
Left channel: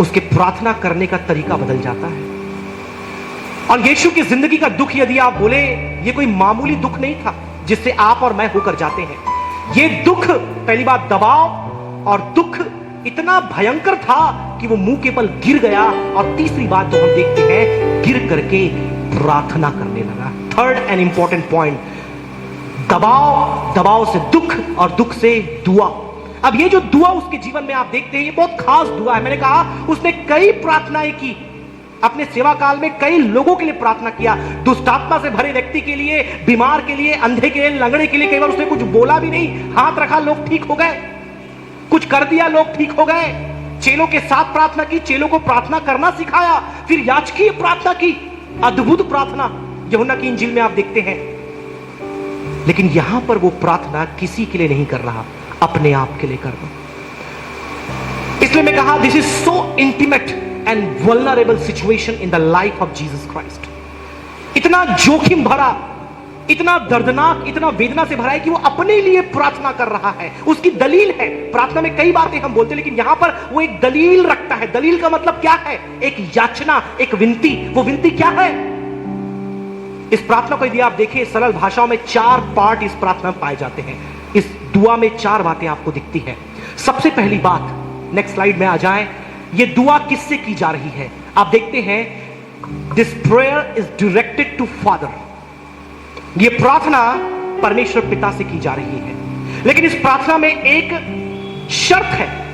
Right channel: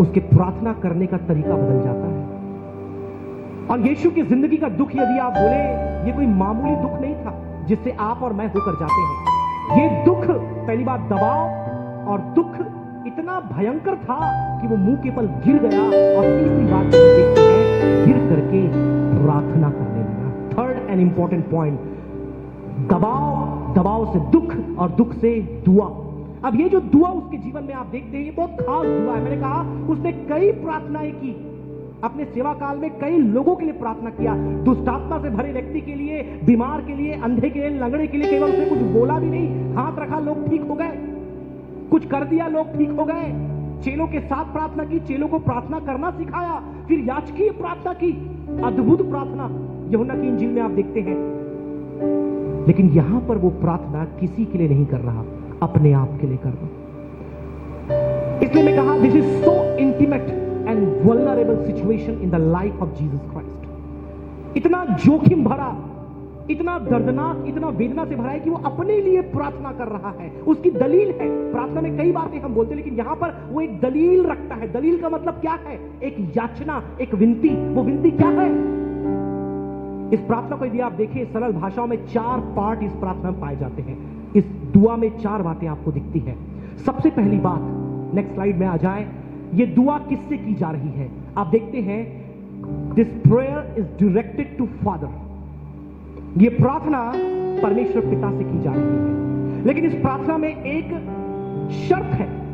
उसके प्रार्थना करने का तरीका बदल जाता है। और यीशु की जिंदगी का दुख, यदि आप बोले, ये कोई मामूली दुख नहीं था जिससे आप और मैं होकर जाते हैं। ये दुख, पहली बात दबाव, और दुख इतना भयंकर था कि वो मुंह के बल गिर गया। और तीसरी बात जो हम देखते हैं, गिर करके प्रार्थना करने लगा। थर्ड एंड इंपॉर्टेंट पॉइंट, दबाव, दबाव से दुख और दुख से दुआ। अब ये जो दुआ उसके जीवन में आप देखते हैं, ये बहुत खास दुआ है। मैंने कहा उसने कई प्रार्थनाएं की, अपने सेवा काल में कई लोगों के लिए प्रार्थना किया। दुष्टात्मा से भरे व्यक्ति के लिए, बीमार के लिए, अंधे के लिए, लंगड़े के लिए। कई बार उसने कुछ बोला भी नहीं, हाथ रखा, लोग ठीक हो गए। कुछ कर दिया, लोग ठीक हो गए। चेलों के साथ प्रार्थना की, चेलों को प्रार्थना करना सिखाया, फिर याजकीय प्रार्थना की, अद्भुत प्रार्थना यूहन्ना की इंजील में आप देखते हैं। लेकिन यहां पर वो प्रार्थना किसी के लिए नहीं कर रहा, अपने आप के लिए कर रहा। इसलिए मैं कहा, this is so intimate and vulnerable situation in the life of Jesus Christ. इतना जोखिम भरा, इतना दर्दनाक, इतना वेदना से भरा है कि वो अपने लिए प्रार्थना कर रहा है। उसकी दलील है। प्रार्थना में कई बातें हम बोलते हैं, लेकिन यहां पर वो एक दलील रखता है। दलील का मतलब क्या है? एक याचना, एक विनती। वो विनती क्या है? इस प्रार्थना को यदि आप देखें, सरल भाषाओं में 4 पार्ट इस प्रार्थना में पाए जाते हैं। इस दुआ में 4 बातें आपको दिखती है। सबसे पहली बात, नेक्स्ट स्लाइड में आ जाएं, ये दुआ किससे की जा रही है? आप देखते हैं, this prayer is directed to Father. ये प्रार्थना परमेश्वर पिता से की जा रही है। लेकिन इस प्रार्थना में एक शर्त है।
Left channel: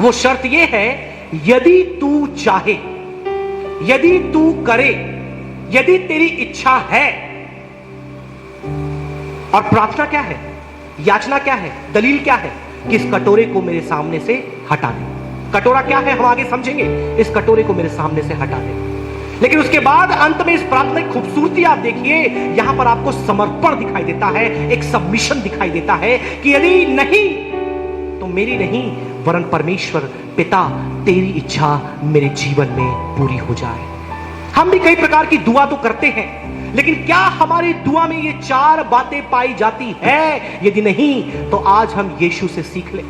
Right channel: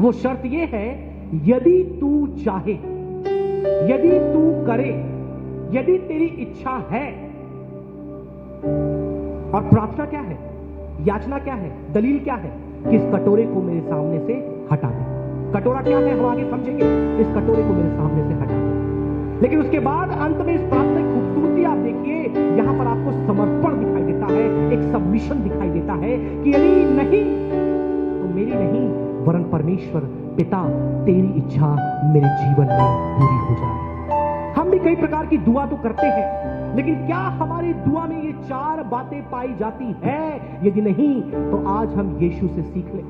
वो शर्त ये है, यदि तू चाहे, यदि तू करे, यदि तेरी इच्छा है। और प्रार्थना क्या है? याचना क्या है? दलील क्या है? कि इस कटोरे को मेरे सामने से हटा दे। कटोरा क्या है हम आगे समझेंगे। इस कटोरे को मेरे सामने से हटा दे। लेकिन उसके बाद अंत में इस प्रार्थना की खूबसूरती आप देखिए, यहां पर आपको समर्पण दिखाई देता है, एक सबमिशन दिखाई देता है कि यदि नहीं तो मेरी नहीं, वरन परमेश्वर पिता तेरी इच्छा मेरे जीवन में पूरी हो जाए। हम भी कई प्रकार की दुआ तो करते हैं, लेकिन क्या हमारी दुआ में ये 4 बातें पाई जाती है? यदि नहीं तो आज हम यीशु से सीख लें।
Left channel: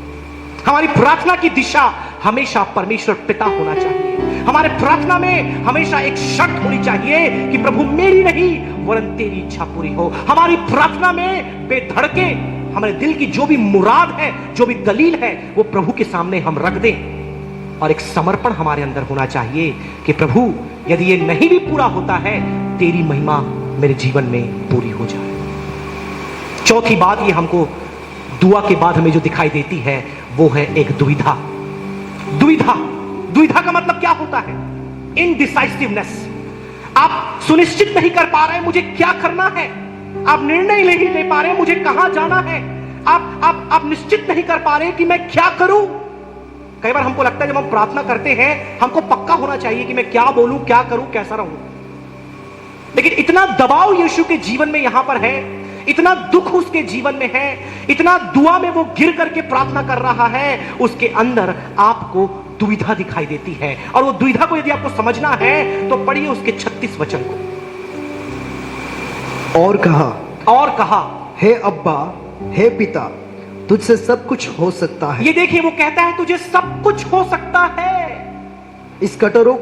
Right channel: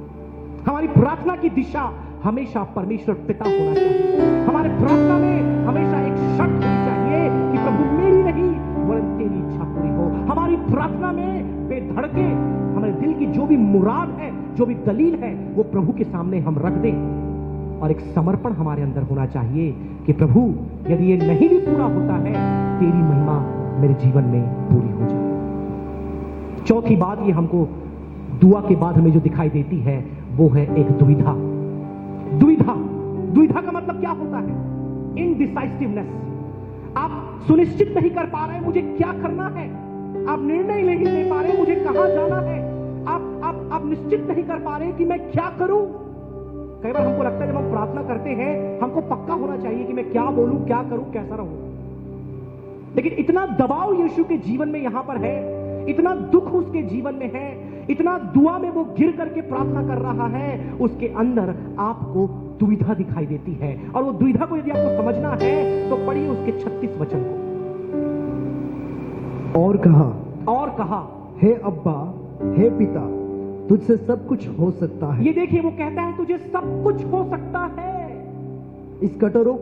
हमारी प्रार्थना की दिशा हमेशा परमेश्वर पिता होना चाहिए। हमारे प्रार्थना में हमेशा एक शर्त होनी चाहिए कि प्रभु मेरी नहीं वरन तेरी इच्छा पूरी हो। हमारी प्रार्थना में बेधड़के हमारे दिल की जो भी मुराद है, जो भी दलील है, वो प्रभु के सामने हम रख दें। और एक समर्पण हमारे अंदर होना चाहिए कि प्रभु यदि ये नहीं भी पूरा होता है, तेरी महिमा मेरे जीवन में पूरी हो जाए। चौथी बात ये हमको दुआ के बाद हमें जो दिखाई देती है, वो है एक दुविधा। दुविधा, दुविधा का मतलब क्या होता है? इनडिसाइसिवनेस। आप सुनिश्चित नहीं कर पा रहे मुझे क्या करना है। आप निर्णय नहीं ले पा रहे मुझे कहां जाना है। आप निश्चित नहीं कर पा रहे कि मैं क्या करूं। कई बार हमको लगता है जब हम प्रार्थना करते हैं, हमको पक्का होना चाहिए कि मैं क्या बोलूं, क्या करूं, कैसा रहूं। लेकिन इतना दबाव यीशु के जीवन में यहां पर है, इतना दुख उसके जीवन में है, इतना दुआ में वो गिर करके प्रार्थना कर रहा है, उसके अंदर आपको दुविधा दिखाई देती है। और वो दुविधा को यदि आपको समझना है तो पढ़िए उसके 36 वचन को। और कहा, हे अब्बा, हे पिता, तुझसे सब कुछ हो सकता है। ये देखिए, वो कहता है तुझे सब कुछ हो सकता है। इस कटोरों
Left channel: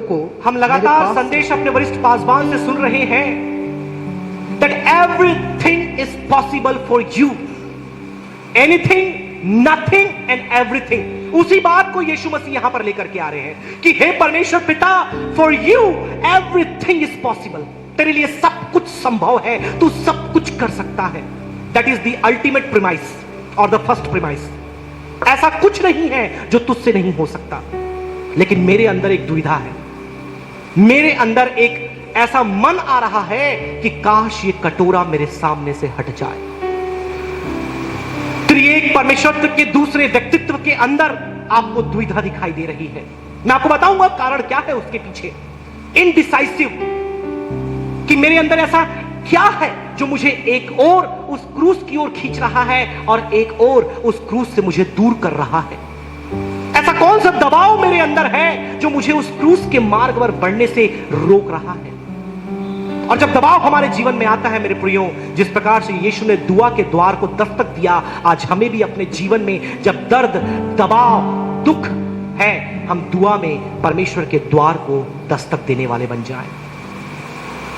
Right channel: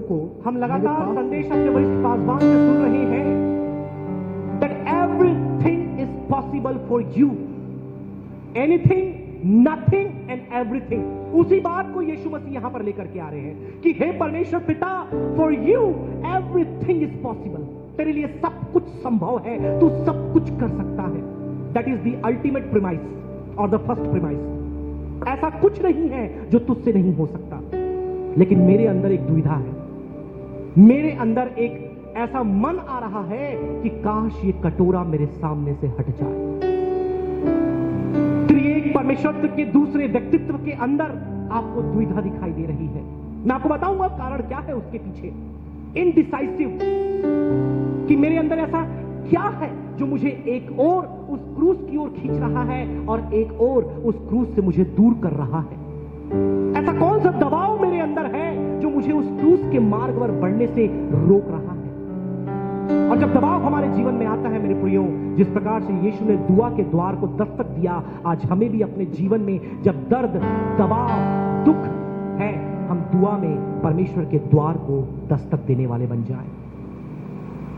को हम मेरे लगातार पास- संदेश अपने वरिष्ठ पासवान से सुन रहे हैं that everything is possible for you, anything, nothing and everything। उसी बात को यीशु मसीह यहां पर लेकर के आ रहे हैं कि हे परमेश्वर पिता, for you everything is possible। तेरे लिए सब कुछ संभव है, तू सब कुछ कर सकता है। That is the ultimate premise or the first premise। ऐसा कुछ नहीं है जो तुझसे नहीं हो सकता। लेकिन मेरे अंदर एक दुविधा है, मेरे अंदर एक ऐसा मन आ रहा है कि काश ये कटोरा मेरे सामने से हट जाए। त्रिएक परमेश्वर के दूसरे व्यक्तित्व के अंदर आपको दुविधा दिखाई दे रही है। मैं आपको बताऊंगा कारण क्या है उसके पीछे। इनडिसाइसिव, कि मेरे अंदर ऐसा क्या है जो मुझे एक और उस क्रूस की ओर खींच रहा है और एक और उस क्रूस से मुझे दूर कर रहा है। ऐसा कौन सा दबाव मेरे अंदर है जो मुझे उस क्रूस के मार्ग पर बढ़ने से रोक रहा है। और जब दबाव हमारे जीवन में आता है मेरे प्रियो, जिस प्रकार से यीशु ने दुआ के द्वार को दस्तक दिया, आज हमें भी अपने जीवन में जब दर्द, दबाव, दुख है, हम दुआ में परमेश्वर के द्वार को दस्तक देने वाले बन जाएं।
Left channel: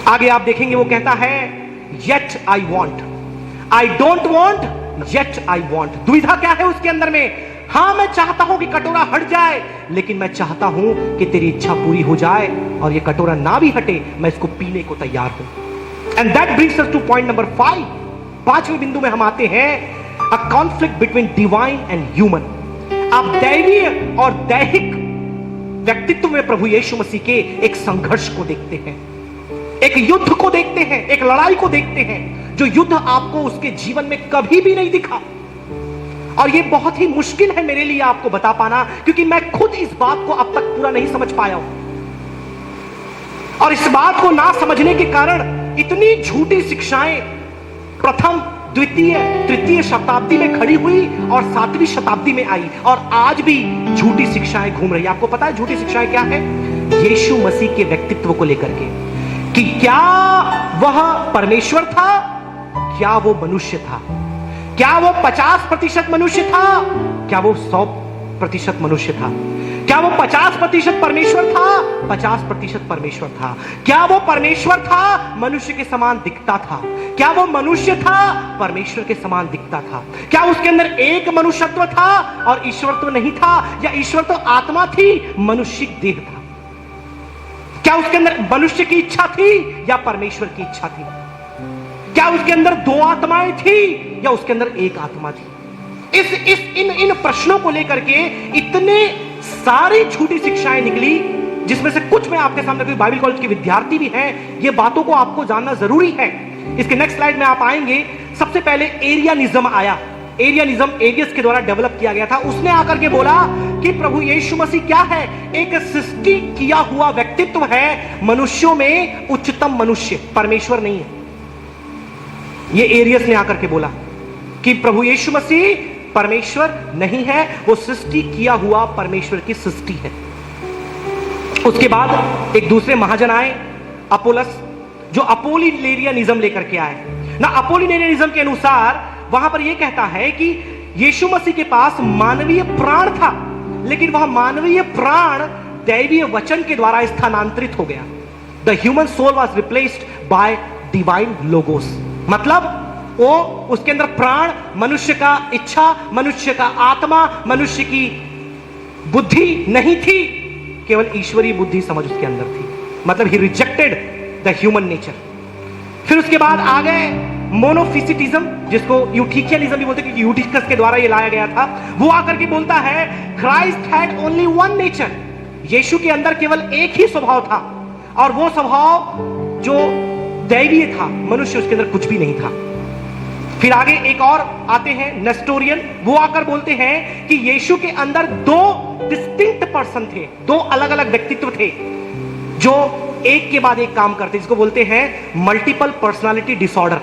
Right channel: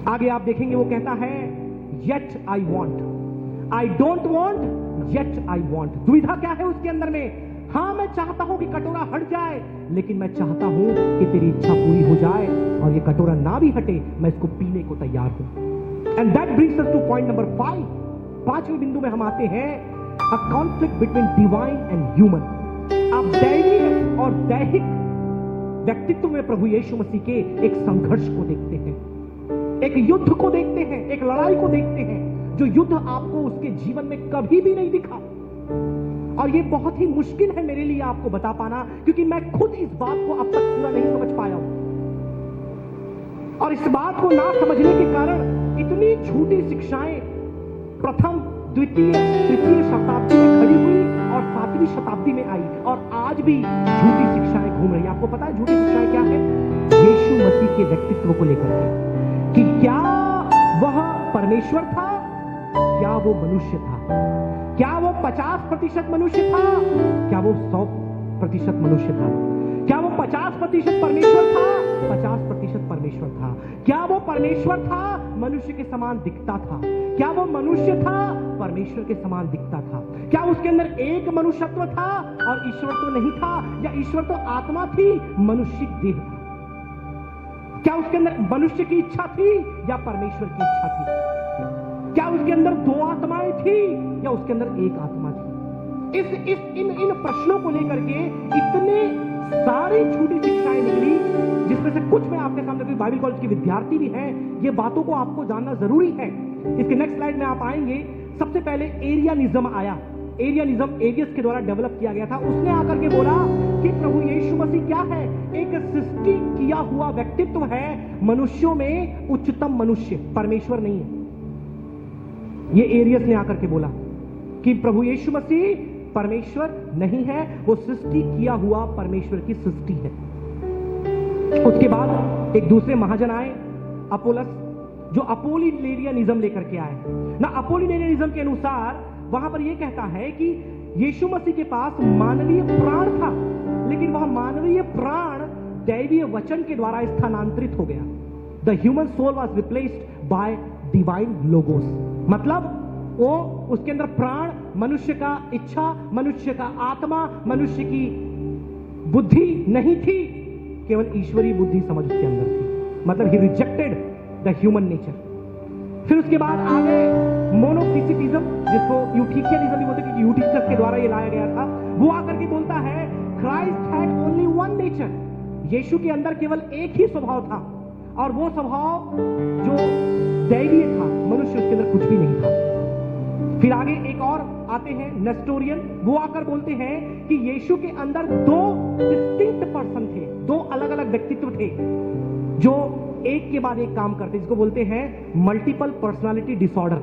आगे आप देखेंगे वो कहता है yet I want, I don't want, yet I want। दुविधा क्या है उसके अंदर में? हां, मैं चाहता हूं कि कटोरा हट जाए, लेकिन मैं चाहता हूं कि तेरी इच्छा पूरी हो जाए और ये कटोरा ना भी हटे, मैं इसको पीने को तैयार हूं। And that brings us two point number 5। पांचवें बिंदु में हम आते हैं, a conflict between divine and human. आप दैवीय और दैहिक व्यक्तित्व में प्रभु यीशु मसीह के एक संघर्ष को देखते हैं, एक युद्ध को देखते हैं, एक लड़ाई को देखते हैं, जो युद्ध आपको उसके जीवन में कभी भी नहीं दिखा। और ये बहुत ही मुश्किल है मेरे लिए आपको बता पाना, क्योंकि मैं खुद इस बात को अब तक पूरा नहीं समझ पाया हूं। और इस बात को ना समझने के कारण इतनी झूठी शिक्षाएं प्रथम, द्वितीय, तृतीय शताब्दी में खड़ी हुई और 7वीं शताब्दी में आई, और आज भी झूठी शिक्षाएं घूम रही है। आपको पता है झूठी शिक्षाएं क्या है? यीशु मसीह के व्यक्तित्व को लेकर के, कि क्या वह परमेश्वर था, क्या वो मनुष्य था, क्या वो 50% मनुष्य था, क्या वो 100% मनुष्य था, क्या वो 50% परमेश्वर था, 50% परमेश्वर था, क्या वो परमेश्वर था, मनुष्य के समान दिखता था, क्या वो मनुष्य था, परमेश्वर के समान दिखता था, क्या उसके अंदर एक मनुष्यत्व था और ईश्वरत्व नहीं था, या ईश्वर तो आत्मा थी, मनुष्य देह था, क्या उसके अंदर मनुष्य की इच्छा थी या परमेश्वर की इच्छा थी, क्या उसके अंदर 2 आत्माएं थी या उसके अंदर एक आत्मा थी। इन प्रश्नों को लेकर के इतने सारी झूठी शिक्षाएं निकली, जिसमें से कुछ मैं आपके सामने, कोई बाइबल कॉलेज के विद्यार्थी भी हैं, ये बातों को आपको जानना जरूरी है। इसके नेक्स्ट स्लाइड में आप आएंगे, सबसे पहले एरियनिज्म आया। एरियनिज्म एरियस के द्वारा डेवलप किया गया था। उसने आकर के बोला कि प्रभु यीशु मसीह क्या है? एक सृष्टि किया हुआ व्यक्तित्व है, मनुष्यों में उच्चतम मनुष्य, परमेश्वर नहीं है। ये एरियस ने आकर के बोला कि प्रभु यीशु मसीह परमेश्वर नहीं है, वो सृष्टि किया हुआ परमेश्वर की सृष्टि है। उसके बाद एक दूसरे महाजन आए, अपोलस, जो अपोलिनेरियनिज्म लेकर के आए ना। अपोलिनेरियनिज्म के अनुसार वहां पर यह कहता है कि यीशु मसीह के पास मानवीय प्राण था, लेकिन वह मानवीय प्राण दैवीय वचन के द्वारा स्थानांतरित हो गया। The human soul was replaced by divine logos. मतलब वो, उसके अंदर प्राण, मनुष्य का इच्छा, मनुष्य का आत्मा, मनुष्य की बुद्धि नहीं थी, केवल ईश्वरीय बुद्धि समझ उसके अंदर थी। मतलब ही रिजेक्टेड द ह्यूमन नेचर। फिर उसके बाद आ गए मोनोफिसिटिज्म, जिसको यूटिकियनिज्म भी बोलते हैं, क्योंकि यूटिकस के द्वारा ये लाया गया था। वो आकर के बोलता है Christ had only one nature, Yeshu के अंदर केवल एक ही स्वभाव था, और वो स्वभाव जो दैवीय था, मनुष्य उसके अंदर कुछ भी नहीं था। फिर आगे एक और आते हैं नेस्टोरियन, वो आकर बोलते हैं कि यीशु के अंदर 2 डिस्टिंक्ट पर्सन थे, 2 अलग अलग व्यक्तित्व थे जो एक के बाद एक काम करते, जिसको बोलते हैं मल्टीपल पर्सनालिटी डिसऑर्डर।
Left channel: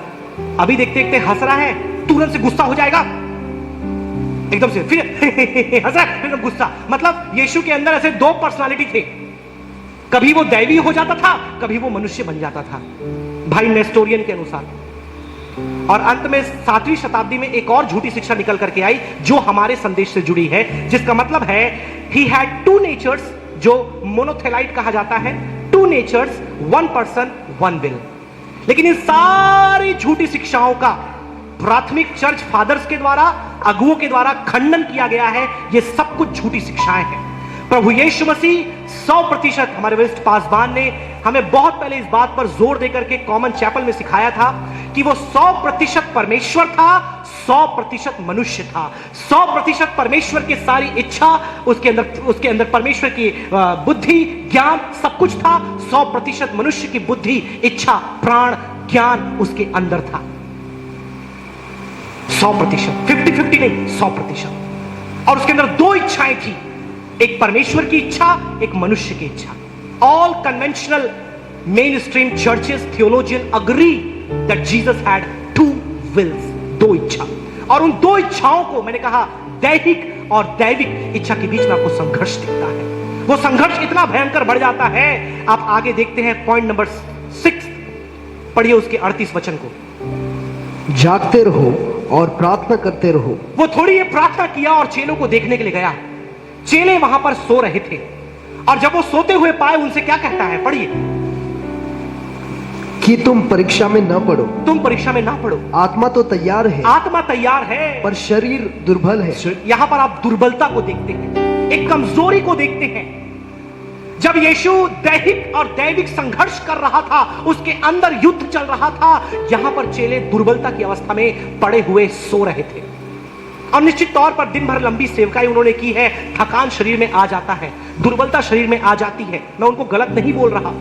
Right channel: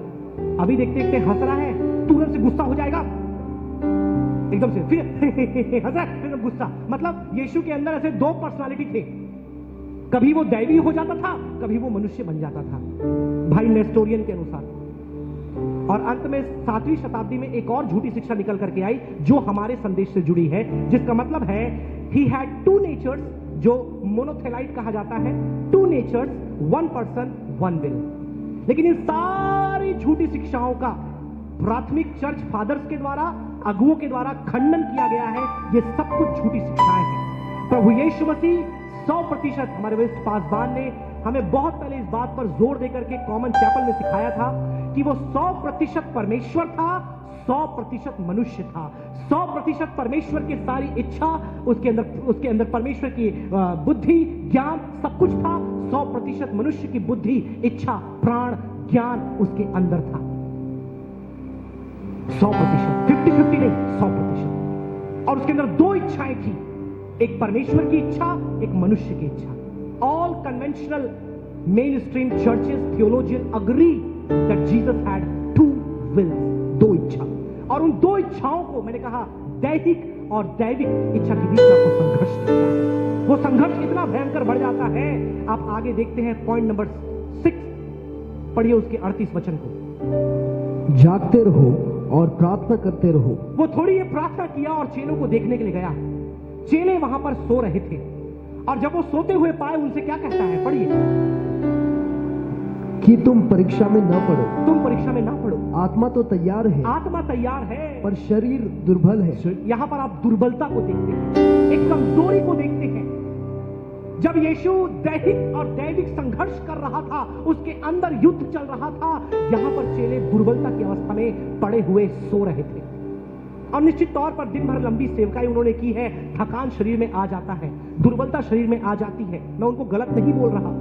अभी देखते देखते हंस रहा है, तुरंत से गुस्सा हो जाएगा, एकदम से फिर हंस रहा है, फिर गुस्सा। मतलब यीशु के अंदर ऐसे 2 पर्सनालिटी थे, कभी वो दैवी हो जाता था, कभी वो मनुष्य बन जाता था, भाई नेस्टोरियन के अनुसार। और अंत में 7वीं शताब्दी में एक और झूठी शिक्षा निकल करके आई जो हमारे संदेश से जुड़ी है, जिसका मतलब है ही हैड टू नेचर्स, जो मोनोथेलाइट कहा जाता है, two natures, one person one will. लेकिन इन सारी झूठी शिक्षाओं का प्राथमिक चर्च फादर्स के द्वारा, अगुओं के द्वारा खंडन किया गया है। ये सब कुछ झूठी शिक्षाएं हैं। प्रभु यीशु मसीह 100%, हमारे वेस्ट पासवान ने हमें बहुत पहले इस बात पर जोर देकर के कॉमन चैपल में सिखाया था कि वो 100% परमेश्वर था, 100% मनुष्य था। 100% परमेश्वर की सारी इच्छा उसके अंदर परमेश्वर की बुद्धि, ज्ञान सब कुछ था। 100% मनुष्य की बुद्धि, इच्छा, प्राण, ज्ञान उसके अंदर था। 100%, 50-50 नहीं, 100%। और उसके अंदर दो इच्छाएं थी, एक परमेश्वर की इच्छा, एक मनुष्य की इच्छा। All conventional mainstream churches theologian agree that Jesus had two wills, दो इच्छा। और उन दो इच्छाओं को मैंने कहा दैहिक और दैविक इच्छा के बीच में आपको संघर्ष दिखता है। वो संघर्ष इतना भयंकर बढ़ जाता है। आप आगे देखते हैं पॉइंट नंबर 6, पढ़िए उसके 38 वचन को। जागते रहो और प्रार्थना करते रहो। वो थोड़ी ये प्रार्थना किया और चेलों को देखने के लिए गया। चेले वहां पर सो रहे थे और जब वो सोते हुए पाए, उनसे क्या कहता है, पढ़िए, कि तुम परीक्षा में न पड़ो। तुम परीक्षा में ना पड़ो। आत्मा तो तैयार है, आत्मा तैयार है, पर शरीर दुर्बल है। यहां पर आप दुर्बलता को देखते हैं, एक कमजोरी को देखते हैं। जब यीशु दैहिक और दैविक संघर्ष कर रहा था, उसके अंदर युद्ध चल रहा था, यहां पर चेले दुर्बलता की अवस्था में पड़े हुए सो रहे थे। और निश्चित तौर पर दिन भर लंबी सेवकाई उन्होंने की है, थकान शरीर में आ जाता है, दुर्बलता शरीर में आ जाती है। मैं उनको गलत नहीं बोल रहा,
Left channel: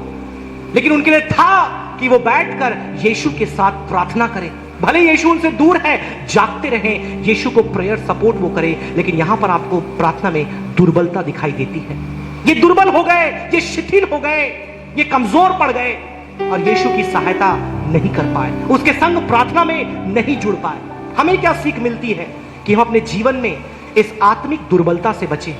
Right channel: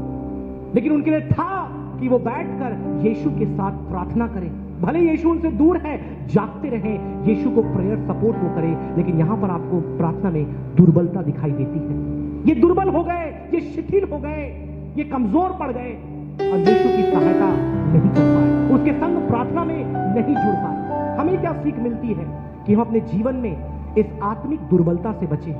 लेकिन उनके लिए था कि वो बैठकर यीशु के साथ प्रार्थना करें। भले यीशु उनसे दूर है, जागते रहें, यीशु को प्रेयर सपोर्ट वो करे, लेकिन यहां पर आपको प्रार्थना में दुर्बलता दिखाई देती है। ये दुर्बल हो गए, ये शिथिल हो गए, ये कमजोर पड़ गए और यीशु की सहायता नहीं कर पाए, उसके संग प्रार्थना में नहीं जुड़ पाए। हमें क्या सीख मिलती है कि हम अपने जीवन में इस आत्मिक दुर्बलता से बचें,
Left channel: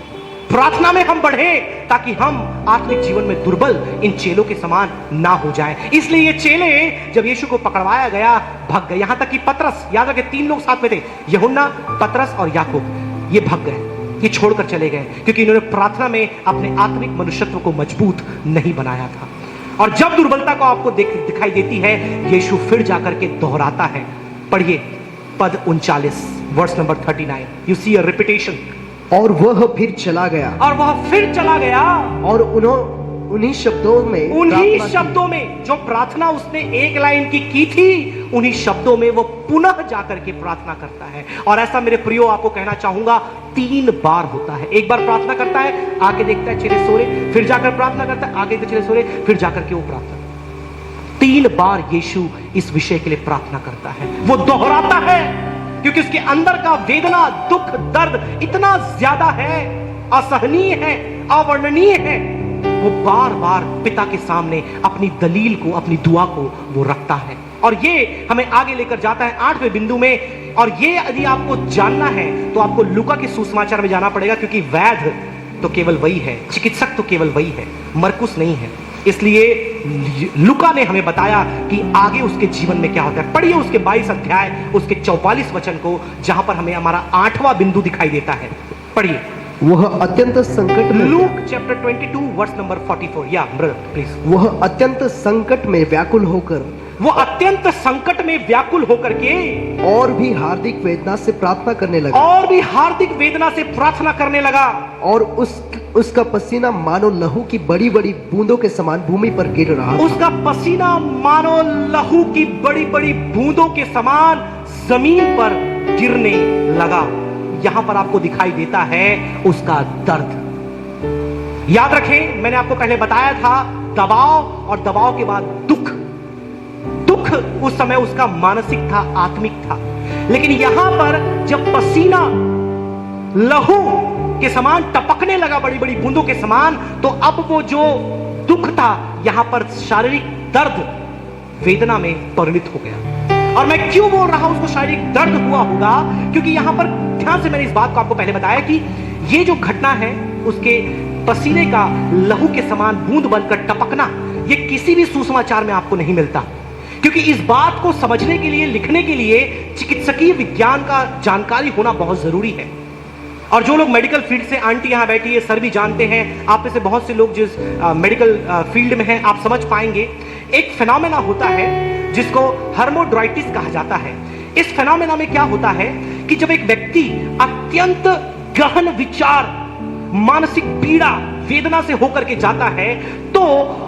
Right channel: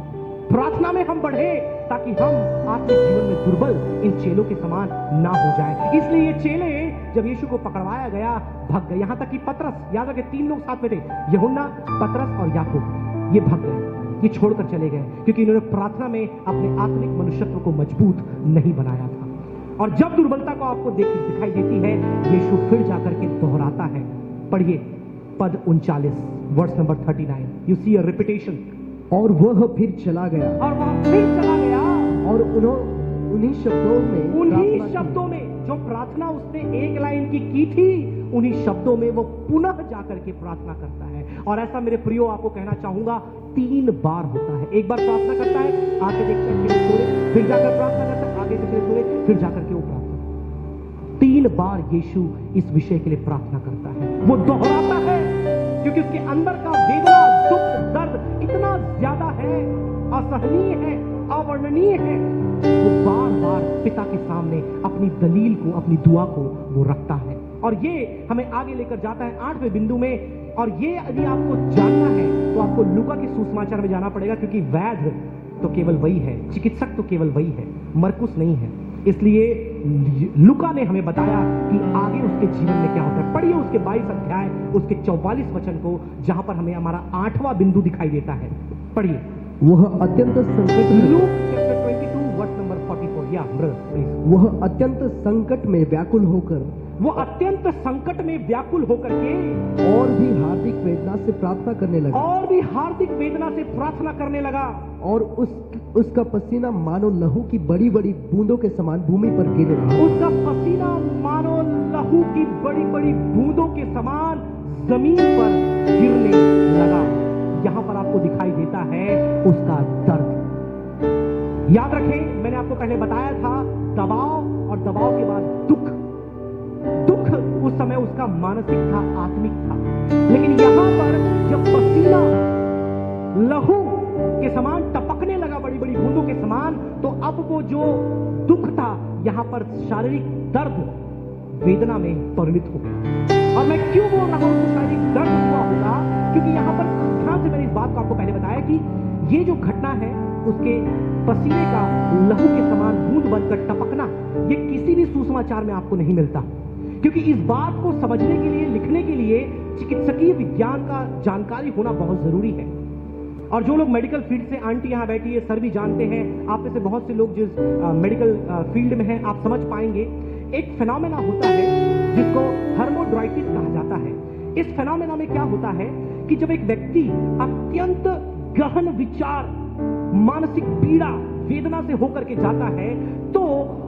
प्रार्थना में हम बढ़े, ताकि हम आत्मिक जीवन में दुर्बल इन चेलों के समान ना हो जाए। इसलिए ये चेले जब यीशु को पकड़वाया गया, भाग गए। यहां तक कि पतरस, याद रखे 3 लोग साथ में थे, यूहन्ना, पतरस और याकूब, ये भाग गए, ये छोड़कर चले गए, क्योंकि इन्होंने प्रार्थना में अपने आत्मिक मनुष्यत्व को मजबूत नहीं बनाया था। और जब दुर्बलता को आपको दिखाई देती है, यीशु फिर जाकर के दोहराता है। पढ़िए पद 39, verse number 39। You see a repetition. और वह फिर चला गया, और वह फिर चला गया, और उन्हीं शब्दों में जो प्रार्थना उसने एक लाइन की थी, उन्हीं शब्दों में वो पुनः जाकर के प्रार्थना करता है। और ऐसा मेरे प्रियो आपको कहना चाहूंगा, 3 बार होता है। एक बार प्रार्थना करता है, आके देखता है चेले सो रहे, फिर जाकर प्रार्थना करता है, आके चेले सो रहे, फिर जाकर के वो प्रार्थना। 3 बार यीशु इस विषय के लिए प्रार्थना करता है, वो दोहराता है, क्योंकि उसके अंदर का वेदना, दुख, दर्द इतना ज्यादा है, असहनीय है, अवर्णनीय है। वो बार बार पिता के सामने अपनी दलील को, अपनी दुआ को वो रखता है। और ये हमें आगे लेकर जाता है 8वें बिंदु में। और ये यदि आपको जानना है तो आपको लूका के सुसमाचार में जाना पड़ेगा, क्योंकि वैद्य तो केवल वही है, चिकित्सक तो केवल वही है, मरकुस नहीं है। इसलिए लूका ने हमें बताया कि आगे उसके जीवन में क्या होता है। पढ़िए उसके 22 अध्याय, उसके 44 वचन को, जहां पर हमें हमारा 8वां बिंदु दिखाई देता है। पढ़िए। वह अत्यंत संकट में, लूक चैप्टर 22 वर्स नंबर 44। या ब्रदर प्लीज। वह अत्यंत संकट में व्याकुल होकर, वो अत्यंत संकट में व्याकुल होकर के और भी हार्दिक वेदना से प्रार्थना करने लगा, और भी हार्दिक वेदना से प्रार्थना करने लगा। और उसका पसीना मानो लहू की बड़ी बड़ी बूंदों के समान भूमि पर गिर रहा था। उसका पसीना मानो लहू की बड़ी बड़ी बूंदों के समान जमीन पर गिरने लगा। यहां पर आपको दिखाई देता है उसका दर्द। याद रखें, मैंने आपको पहले बताया था, दबाव और दबाव के बाद दुख। दुख उस समय उसका मानसिक था, आत्मिक था। लेकिन यहां पर जब पसीना लहू के समान टपकने लगा, बड़ी बड़ी बूंदों के समान, तो अब वो जो दुख था यहां पर शारीरिक दर्द वेदना में परिणित हो गया। और मैं क्यों बोल रहा हूं उसको शारीरिक दर्द हुआ होगा, क्योंकि यहां पर ध्यान से मैंने इस बात को आपको पहले बताया कि ये जो घटना है, उसके पसीने का लहू के समान बूंद बनकर टपकना, ये किसी भी सुसमाचार में आपको नहीं मिलता। क्योंकि इस बात को समझने के लिए, लिखने के लिए चिकित्सकीय विज्ञान का जानकारी होना बहुत जरूरी है। और जो लोग मेडिकल फील्ड से, आंटी यहां बैठी है, सर भी जानते हैं, आप में से बहुत से लोग जिस मेडिकल फील्ड में हैं, आप समझ पाएंगे। एक फेनोमेना होता है जिसको हर्मोड्राइटिस कहा जाता है। इस फेनोमेना में क्या होता है कि जब एक व्यक्ति अत्यंत गहन विचार, मानसिक पीड़ा, वेदना से होकर के जाता है, तो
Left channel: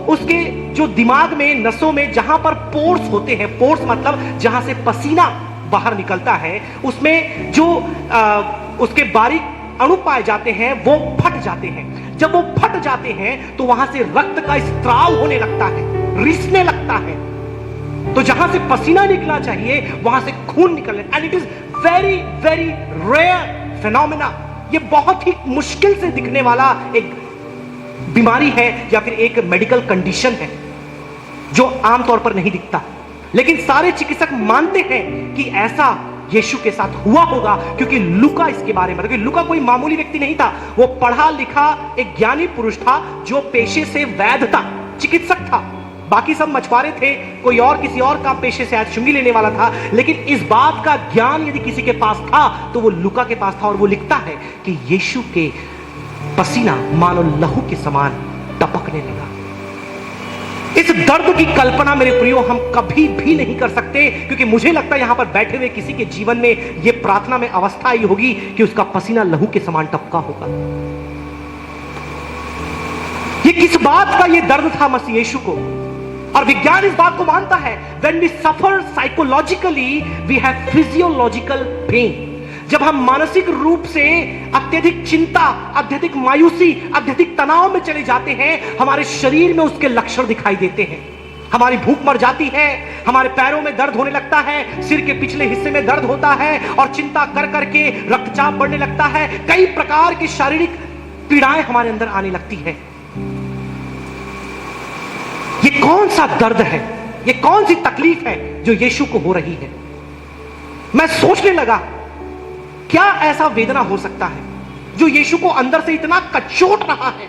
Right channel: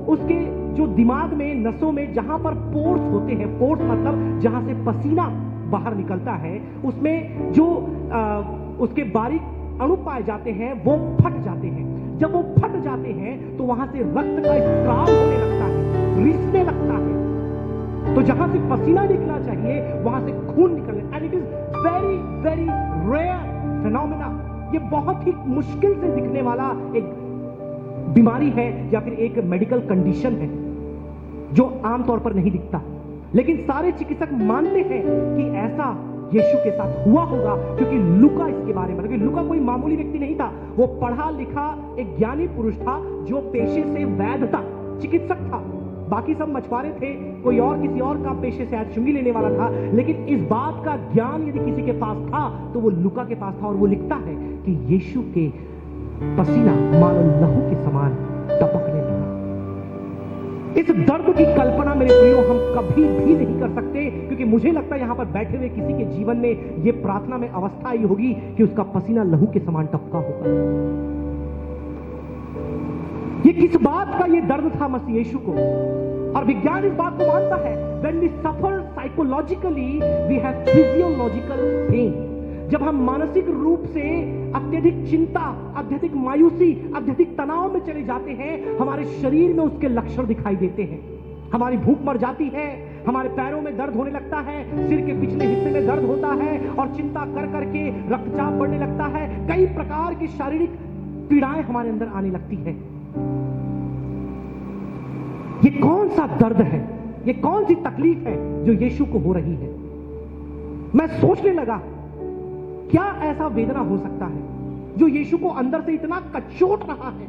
उसके जो दिमाग में, नसों में जहां पर पोर्स होते हैं, पोर्स मतलब जहां से पसीना बाहर निकलता है, उसमें जो उसके बारीक अणु पाए जाते हैं वो फट जाते हैं। जब वो फट जाते हैं तो वहां से रक्त का स्त्राव होने लगता है, रिसने लगता है। तो जहां से पसीना निकलना चाहिए वहां से खून निकलने, and it is very very rare phenomena. ये बहुत ही मुश्किल से दिखने वाला एक बीमारी है या फिर एक मेडिकल कंडीशन है जो आमतौर पर नहीं दिखता, लेकिन सारे चिकित्सक मानते हैं कि ऐसा यीशु के साथ हुआ होगा, क्योंकि लूका इसके बारे में, क्योंकि लूका कोई मामूली व्यक्ति नहीं था, वो पढ़ा लिखा एक ज्ञानी पुरुष था जो पेशे से वैद्य था, चिकित्सक था। बाकी सब मछुआरे थे, कोई और किसी और का पेशे से आज चुंगी लेने वाला था, लेकिन इस बात का ज्ञान यदि किसी के पास था तो वो लूका के पास था। और वो लिखता है कि यीशु के पसीना मानो लहू के समान टपकने लगा। इस दर्द की कल्पना मेरे प्रियो हम कभी भी नहीं कर सकते, क्योंकि मुझे लगता है यहां पर बैठे हुए किसी के जीवन में यह प्रार्थना में अवस्था आई होगी कि उसका पसीना लहू के समान टपका होगा। ये किस बात का ये दर्द था मसीह यीशु को, और विज्ञान इस बात को मानता है, when we suffer psychologically we have physiological pain। जब हम मानसिक रूप से अत्यधिक चिंता, अत्यधिक मायूसी, अत्यधिक तनाव में चले जाते हैं, हमारे शरीर में उसके लक्षण दिखाई देते हैं। हमारी भूख मर जाती है, हमारे पैरों में दर्द होने लगता है, सिर के पिछले हिस्से में दर्द होता है, और चिंता कर करके रक्तचाप बढ़ने लगता है। कई प्रकार की शारीरिक पीड़ाएं हमारे अंदर आने लगती है। ये कौन सा दर्द है, ये कौन सी तकलीफ है जो यीशु को हो रही है? मैं सोचने लगा क्या ऐसा वेदना हो सकता है जो यीशु को अंदर से इतना कचोट रहा है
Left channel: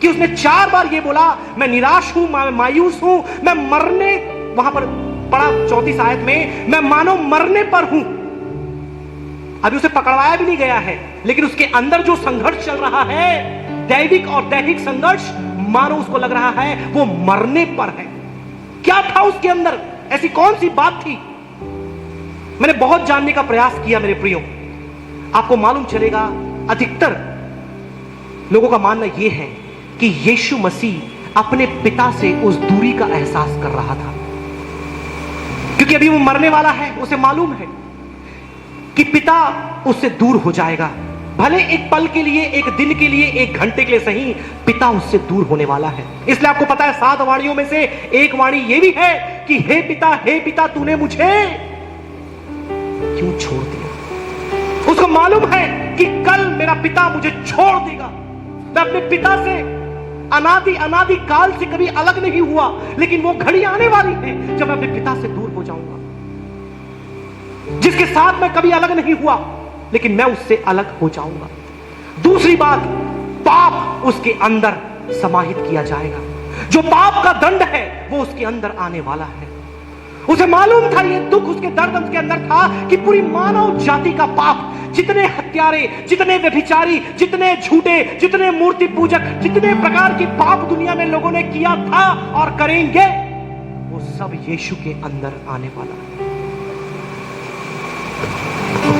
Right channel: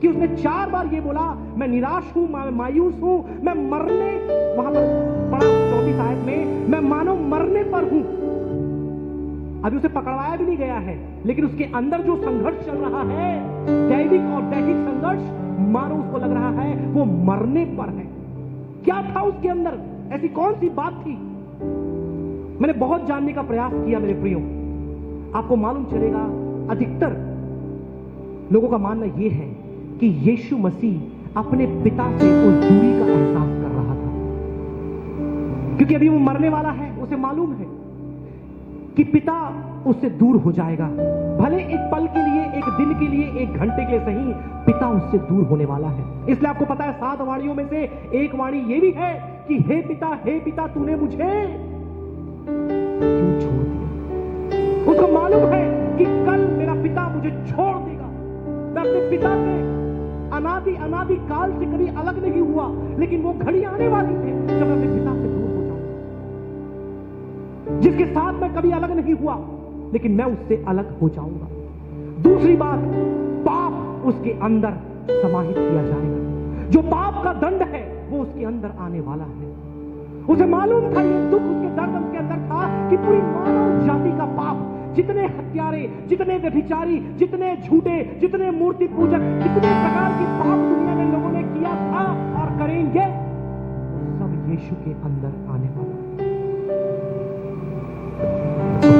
कि उसने 4 बार ये बोला, मैं निराश हूं, मैं मायूस हूं, मैं मरने, वहां पर पढ़ा 34 आयत में, मैं मानो मरने पर हूं। अभी उसे पकड़वाया भी नहीं गया है, लेकिन उसके अंदर जो संघर्ष चल रहा है, दैविक और दैहिक संघर्ष, मानो उसको लग रहा है वो मरने पर है। क्या था उसके अंदर? ऐसी कौन सी बात थी? मैंने बहुत जानने का प्रयास किया मेरे प्रियो। आपको मालूम चलेगा, अधिकतर लोगों का मानना यह है कि यीशु मसीह अपने पिता से उस दूरी का एहसास कर रहा था, क्योंकि अभी वो मरने वाला है। उसे मालूम है कि पिता उससे दूर हो जाएगा, भले एक पल के लिए, एक दिन के लिए, एक घंटे के लिए सही, पिता उससे दूर होने वाला है। इसलिए आपको पता है 7 वाणियों में से एक वाणी यह भी है कि हे पिता तूने मुझे क्यों छोड़ दिया? उसको मालूम है कि कल मेरा पिता मुझे छोड़ देगा। मैं अपने पिता से अनादि काल से कभी अलग नहीं हुआ, लेकिन वो घड़ी आने वाली है जब मैं अपने पिता से दूर हो जाऊंगा, जिसके साथ मैं कभी अलग नहीं हुआ, लेकिन मैं उससे अलग हो जाऊंगा। दूसरी बात, पाप उसके अंदर समाहित किया जाएगा। जो पाप का दंड है वो उसके अंदर आने वाला है। उसे मालूम था, ये दुख, उसके दर्द उसके अंदर था कि पूरी मानव जाति का पाप, जितने हत्यारे, जितने व्यभिचारी, जितने झूठे, जितने मूर्ति पूजक, जितने प्रकार के पाप दुनिया में लोगों ने किया था और करेंगे, वो सब यीशु के अंदर आने वाला है।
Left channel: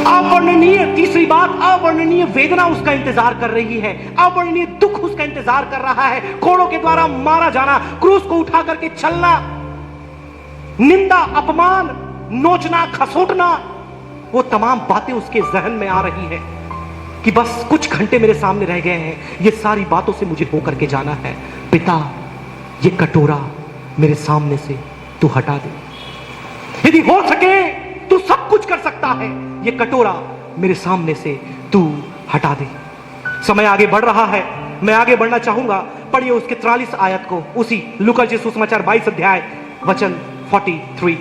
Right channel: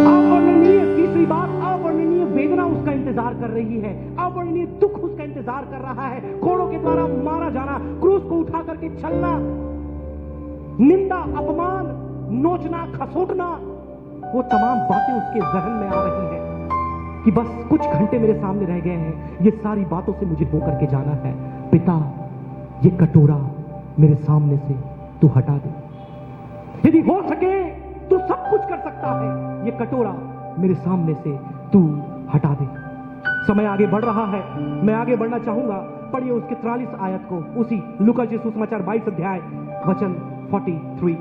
अवर्णनीय, तीसरी बात, अवर्णनीय वेदना उसका इंतजार कर रही है, अवर्णनीय दुख उसका इंतजार कर रहा है। कोड़ों के द्वारा मारा जाना, क्रूस को उठा करके चलना, निंदा, अपमान, नोचना, खसोटना, वो तमाम बातें उसके जहन में आ रही है कि बस कुछ घंटे मेरे सामने रह गए हैं, ये सारी बातों से मुझे होकर के जाना है। पिता, ये कटोरा मेरे सामने से तू हटा दे। यदि हो सके तू सब कुछ कर सकता है, ये कटोरा मेरे सामने से तू हटा दे। समय आगे बढ़ रहा है, मैं आगे बढ़ना चाहूंगा। पढ़िए उसके 43 आयत को, उसी लूका सुसमाचार 22 अध्याय वचन 43।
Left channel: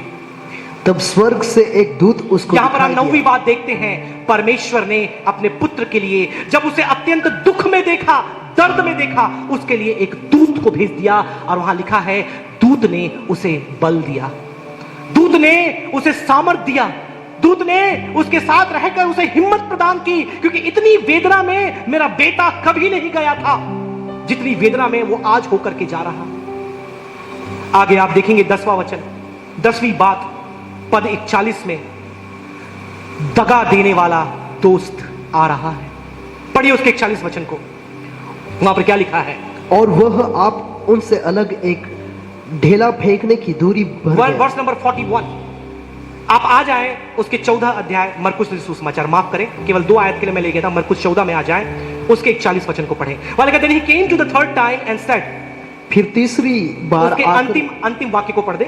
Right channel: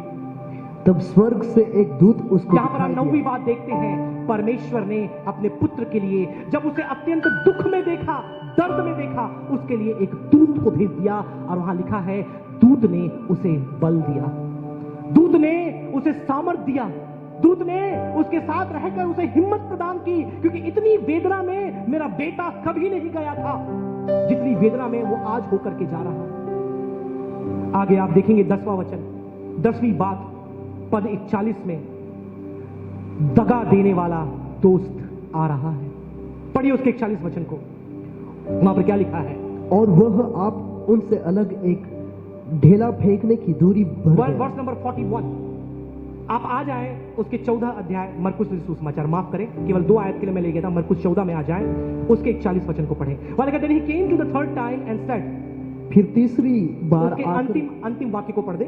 तब स्वर्ग से एक दूत उसको यहां पर हम 9वीं बात देखते हैं। परमेश्वर ने अपने पुत्र के लिए, जब उसे अत्यंत दुख में देखा, दर्द में देखा, उसके लिए एक दूत को भेज दिया, और वहां लिखा है दूत ने उसे बल दिया। ने उसे सामर्थ दिया, दूत ने उसके साथ रहकर उसे हिम्मत प्रदान की, क्योंकि इतनी वेदना में मेरा बेटा कभी नहीं गया था जितनी वेदना में वो आज होकर के जा रहा। आगे आप देखेंगे 10वां वचन, 10वीं बात, पद 41 में, दगा देने वाला दोस्त आ रहा है। पढ़िए उसके 41 वचन को, वहां पर क्या लिखा है? और वह आप उनसे अलग एक ढेला फेंकने की दूरी भर गया। वर्स नंबर 41, आप आ जाएं उसके 14 अध्याय मरकुस सुसमाचार, माफ करें केवल 2 आयत के लिए मैं ले गया था, मरकुस 14 में आ जाएं, उसके 41 वचन को पढ़ें। वाले कहते हैं, he came to the third time and said, फिर तीसरी बार उसके अंतिम वाक्य को पढ़ दे।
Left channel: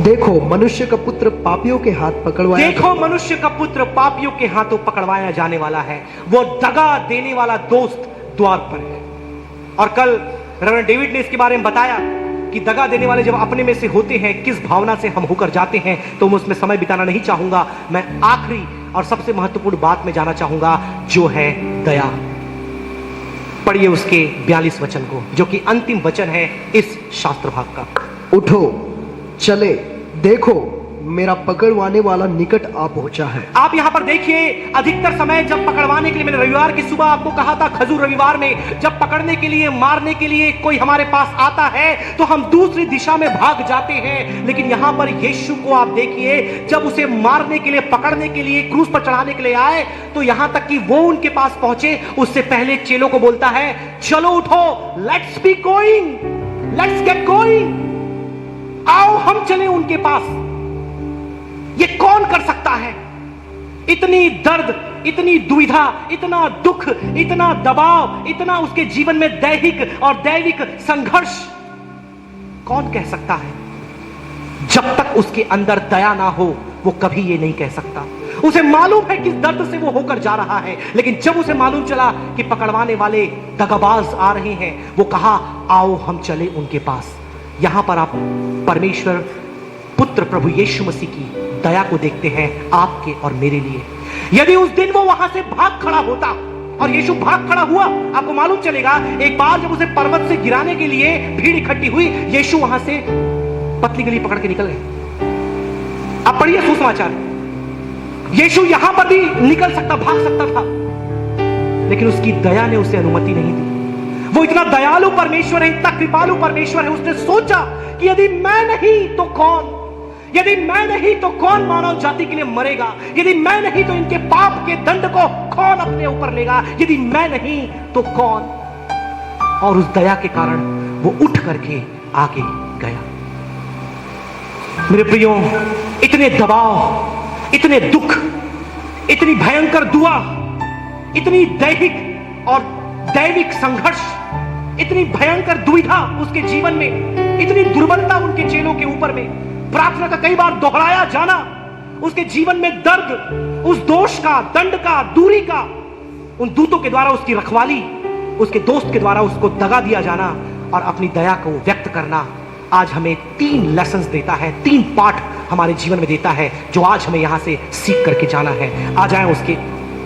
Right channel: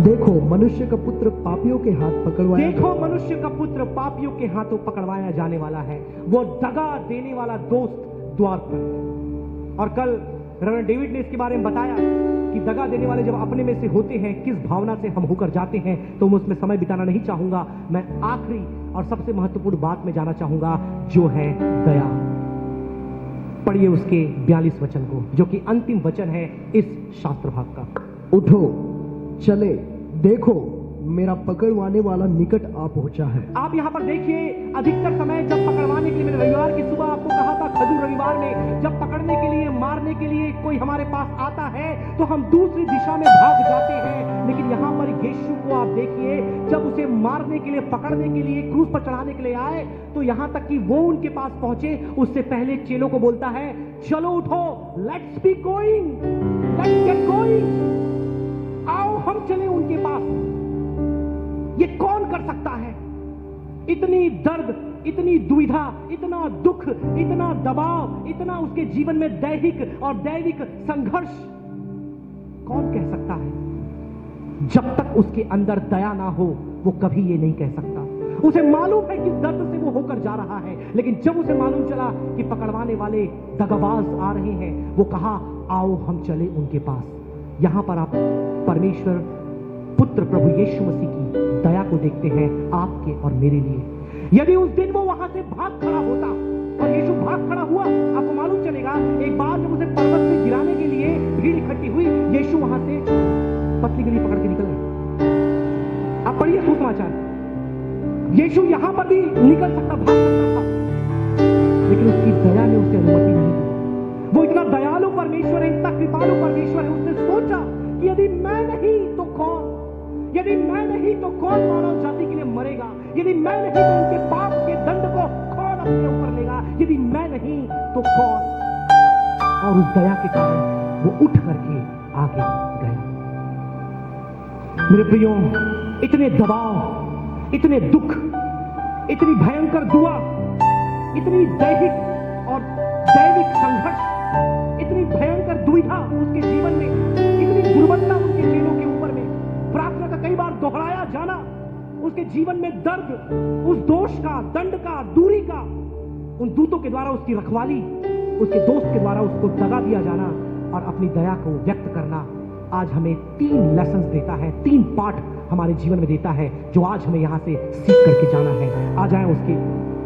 देखो मनुष्य का पुत्र पापियों के हाथ पकड़वाया, देखो मनुष्य का पुत्र पापियों के हाथों पकड़वाया जाने वाला है, वो दगा देने वाला दोस्त द्वार पर है। और कल रेवरेंड डेविड ने इसके बारे में बताया कि दगा देने वाले जब अपने में से होते हैं, किस भावना से हम होकर जाते हैं, तो मैं उसमें समय बिताना नहीं चाहूंगा। मैं आखिरी और सबसे महत्वपूर्ण बात में जाना चाहूंगा, जो है दया। पढ़िए उसके 42 वचन को, जो कि अंतिम वचन है इस शास्त्र भाग का। उठो चले, देखो मेरा पकड़वाने वाला निकट आ पहुंचा है। आप यहां पर देखिए, अधिकतर समय जब पकड़वाने के लिए, मैंने रविवार की सुबह आपको कहा था, खजूर रविवार में, जब पकड़ने के लिए, मारने के लिए कोई हमारे पास आता है तो हम दूसरी दिशा में भाग जाते हैं। लेकिन यहां पर यीशु को आप देखिए, जब उसे मारने के लिए, पकड़ने के लिए, क्रूस पर चढ़ाने के लिए आए, तो यहां तक कि वो उनके पास पहुंचे, उससे पहले चेलों को बोलता है, चलो उठो, let's be going, let's get going, आओ हम चले उनके पास। ये कौन कर सकता है? इतनी दर्द, इतनी दुविधा, इतना दुख, इतना दबाव, इतना उसके जीवन में दैहिक और दैविक संघर्ष कौन कह सकता है? जब तक उसके अंदर दया ना हो, वो कभी ये नहीं कह सकता। उसे मालूम है किस दर्द से वो होकर जा रहा है, लेकिन जब उसे मालूम चला कि पकड़वाने वाले दगाबाज आ रहे हैं, वो कहा, आओ हम चले उनके पास। यहां पर आप परमेश्वर पुत्र प्रभु यीशु मसीह की दया को देखते हैं आपके और मेरे लिए। यदि उस दिन वो वहां से भाग खड़ा होता, और यीशु भाग खड़ा हुआ, आपको मालूम चलेगा, एक बार जब उसे पर्वत से गिराने के लिए भीड़ इकट्ठी हुई, यीशु वहां से पतली गली पकड़ के निकल गए। आप पढ़िए सुसमाचार, यीशु यहां पर भी निकल सकता, भाग सकता था, लेकिन उसकी दया ने उसे अनुमति नहीं दी। वो इतना दयालु परमेश्वर है, इतना कृपालु परमेश्वर है, उसने सोचा कि यदि मैं नहीं तो कौन, यदि मैं नहीं तो कौन मानव जाति के लिए मरेगा, यदि मैं नहीं तो इनके पाप के दंड को कौन अपने ऊपर लेगा, यदि मैं नहीं तो कौन। और उस दया के कारण वो उठ करके आगे गया। मेरे प्रियो, इतने दबाव, इतने दुख, इतनी भयंकर दुआ, इतनी दैहिक और दैविक संघर्ष, इतनी भयंकर दुविधा उसके जीवन में, इतनी दुर्बलता उनके चेलों के ऊपर में, प्रार्थना का कई बार दोहराया जाना, उसके जीवन में दर्द, उस दोष का, दंड का, दूरी का, उन दूतों के द्वारा उसकी रखवाली, उसके दोस्त के द्वारा उसको दगा दिया जाना और अपनी दया को व्यक्त करना, आज हमें 3 लेसन्स देता है, 3 पाठ हमारे जीवन में देता है, जो आज हमें यहां से सीख करके जाना है। आ जाए उसके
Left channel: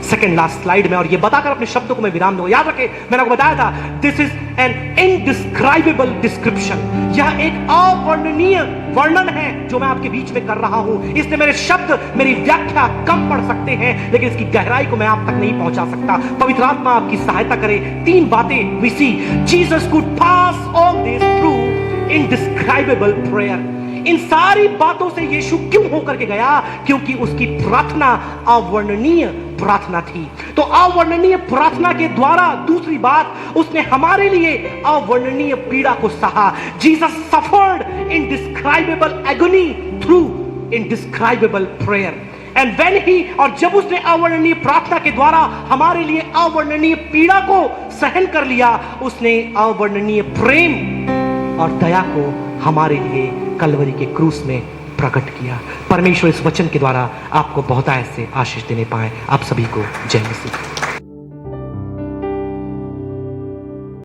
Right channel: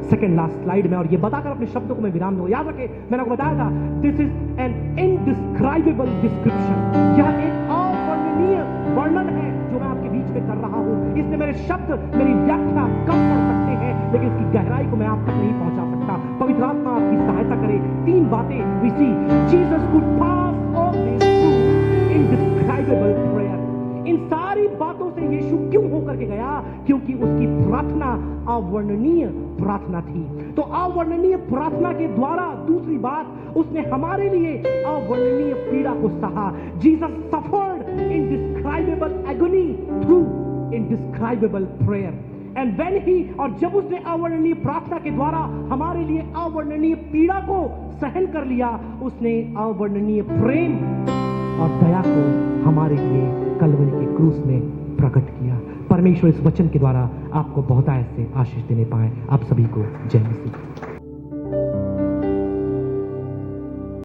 सेकेंड लास्ट स्लाइड में, और ये बताकर अपने शब्दों को मैं विराम दूंगा। याद रखें, मैंने आपको बताया था, this is an indescribable description. यह एक अवर्णनीय वर्णन है जो मैं आपके बीच में कर रहा हूं। इसलिए मेरे शब्द, मेरी व्याख्या कम पड़ सकते हैं, लेकिन इसकी गहराई को मैं आप तक नहीं पहुंचा सकता। पवित्र आत्मा आपकी सहायता करे। 3 बातें we see, Jesus could pass all this through indescribable prayer. इन सारी बातों से यीशु क्यों होकर के गया? क्योंकि उसकी प्रार्थना अवर्णनीय प्रार्थना थी। तो अवर्णनीय प्रार्थना के द्वारा, दूसरी बात, उसने हमारे लिए अवर्णनीय पीड़ा को सहा। Jesus suffered indescribable agony through indescribable prayer. And when he, और जब उसने अवर्णनीय प्रार्थना के द्वारा हमारे लिए अवर्णनीय पीड़ा को सहन कर लिया, उसने अवर्णनीय प्रेम और दया को हमारे लिए कलवरी के क्रूस में प्रकट किया। परमेश्वर इस वचन के द्वारा आपको बहुत ऐसे आशीष देने पाए। आप सभी को जय मसीह।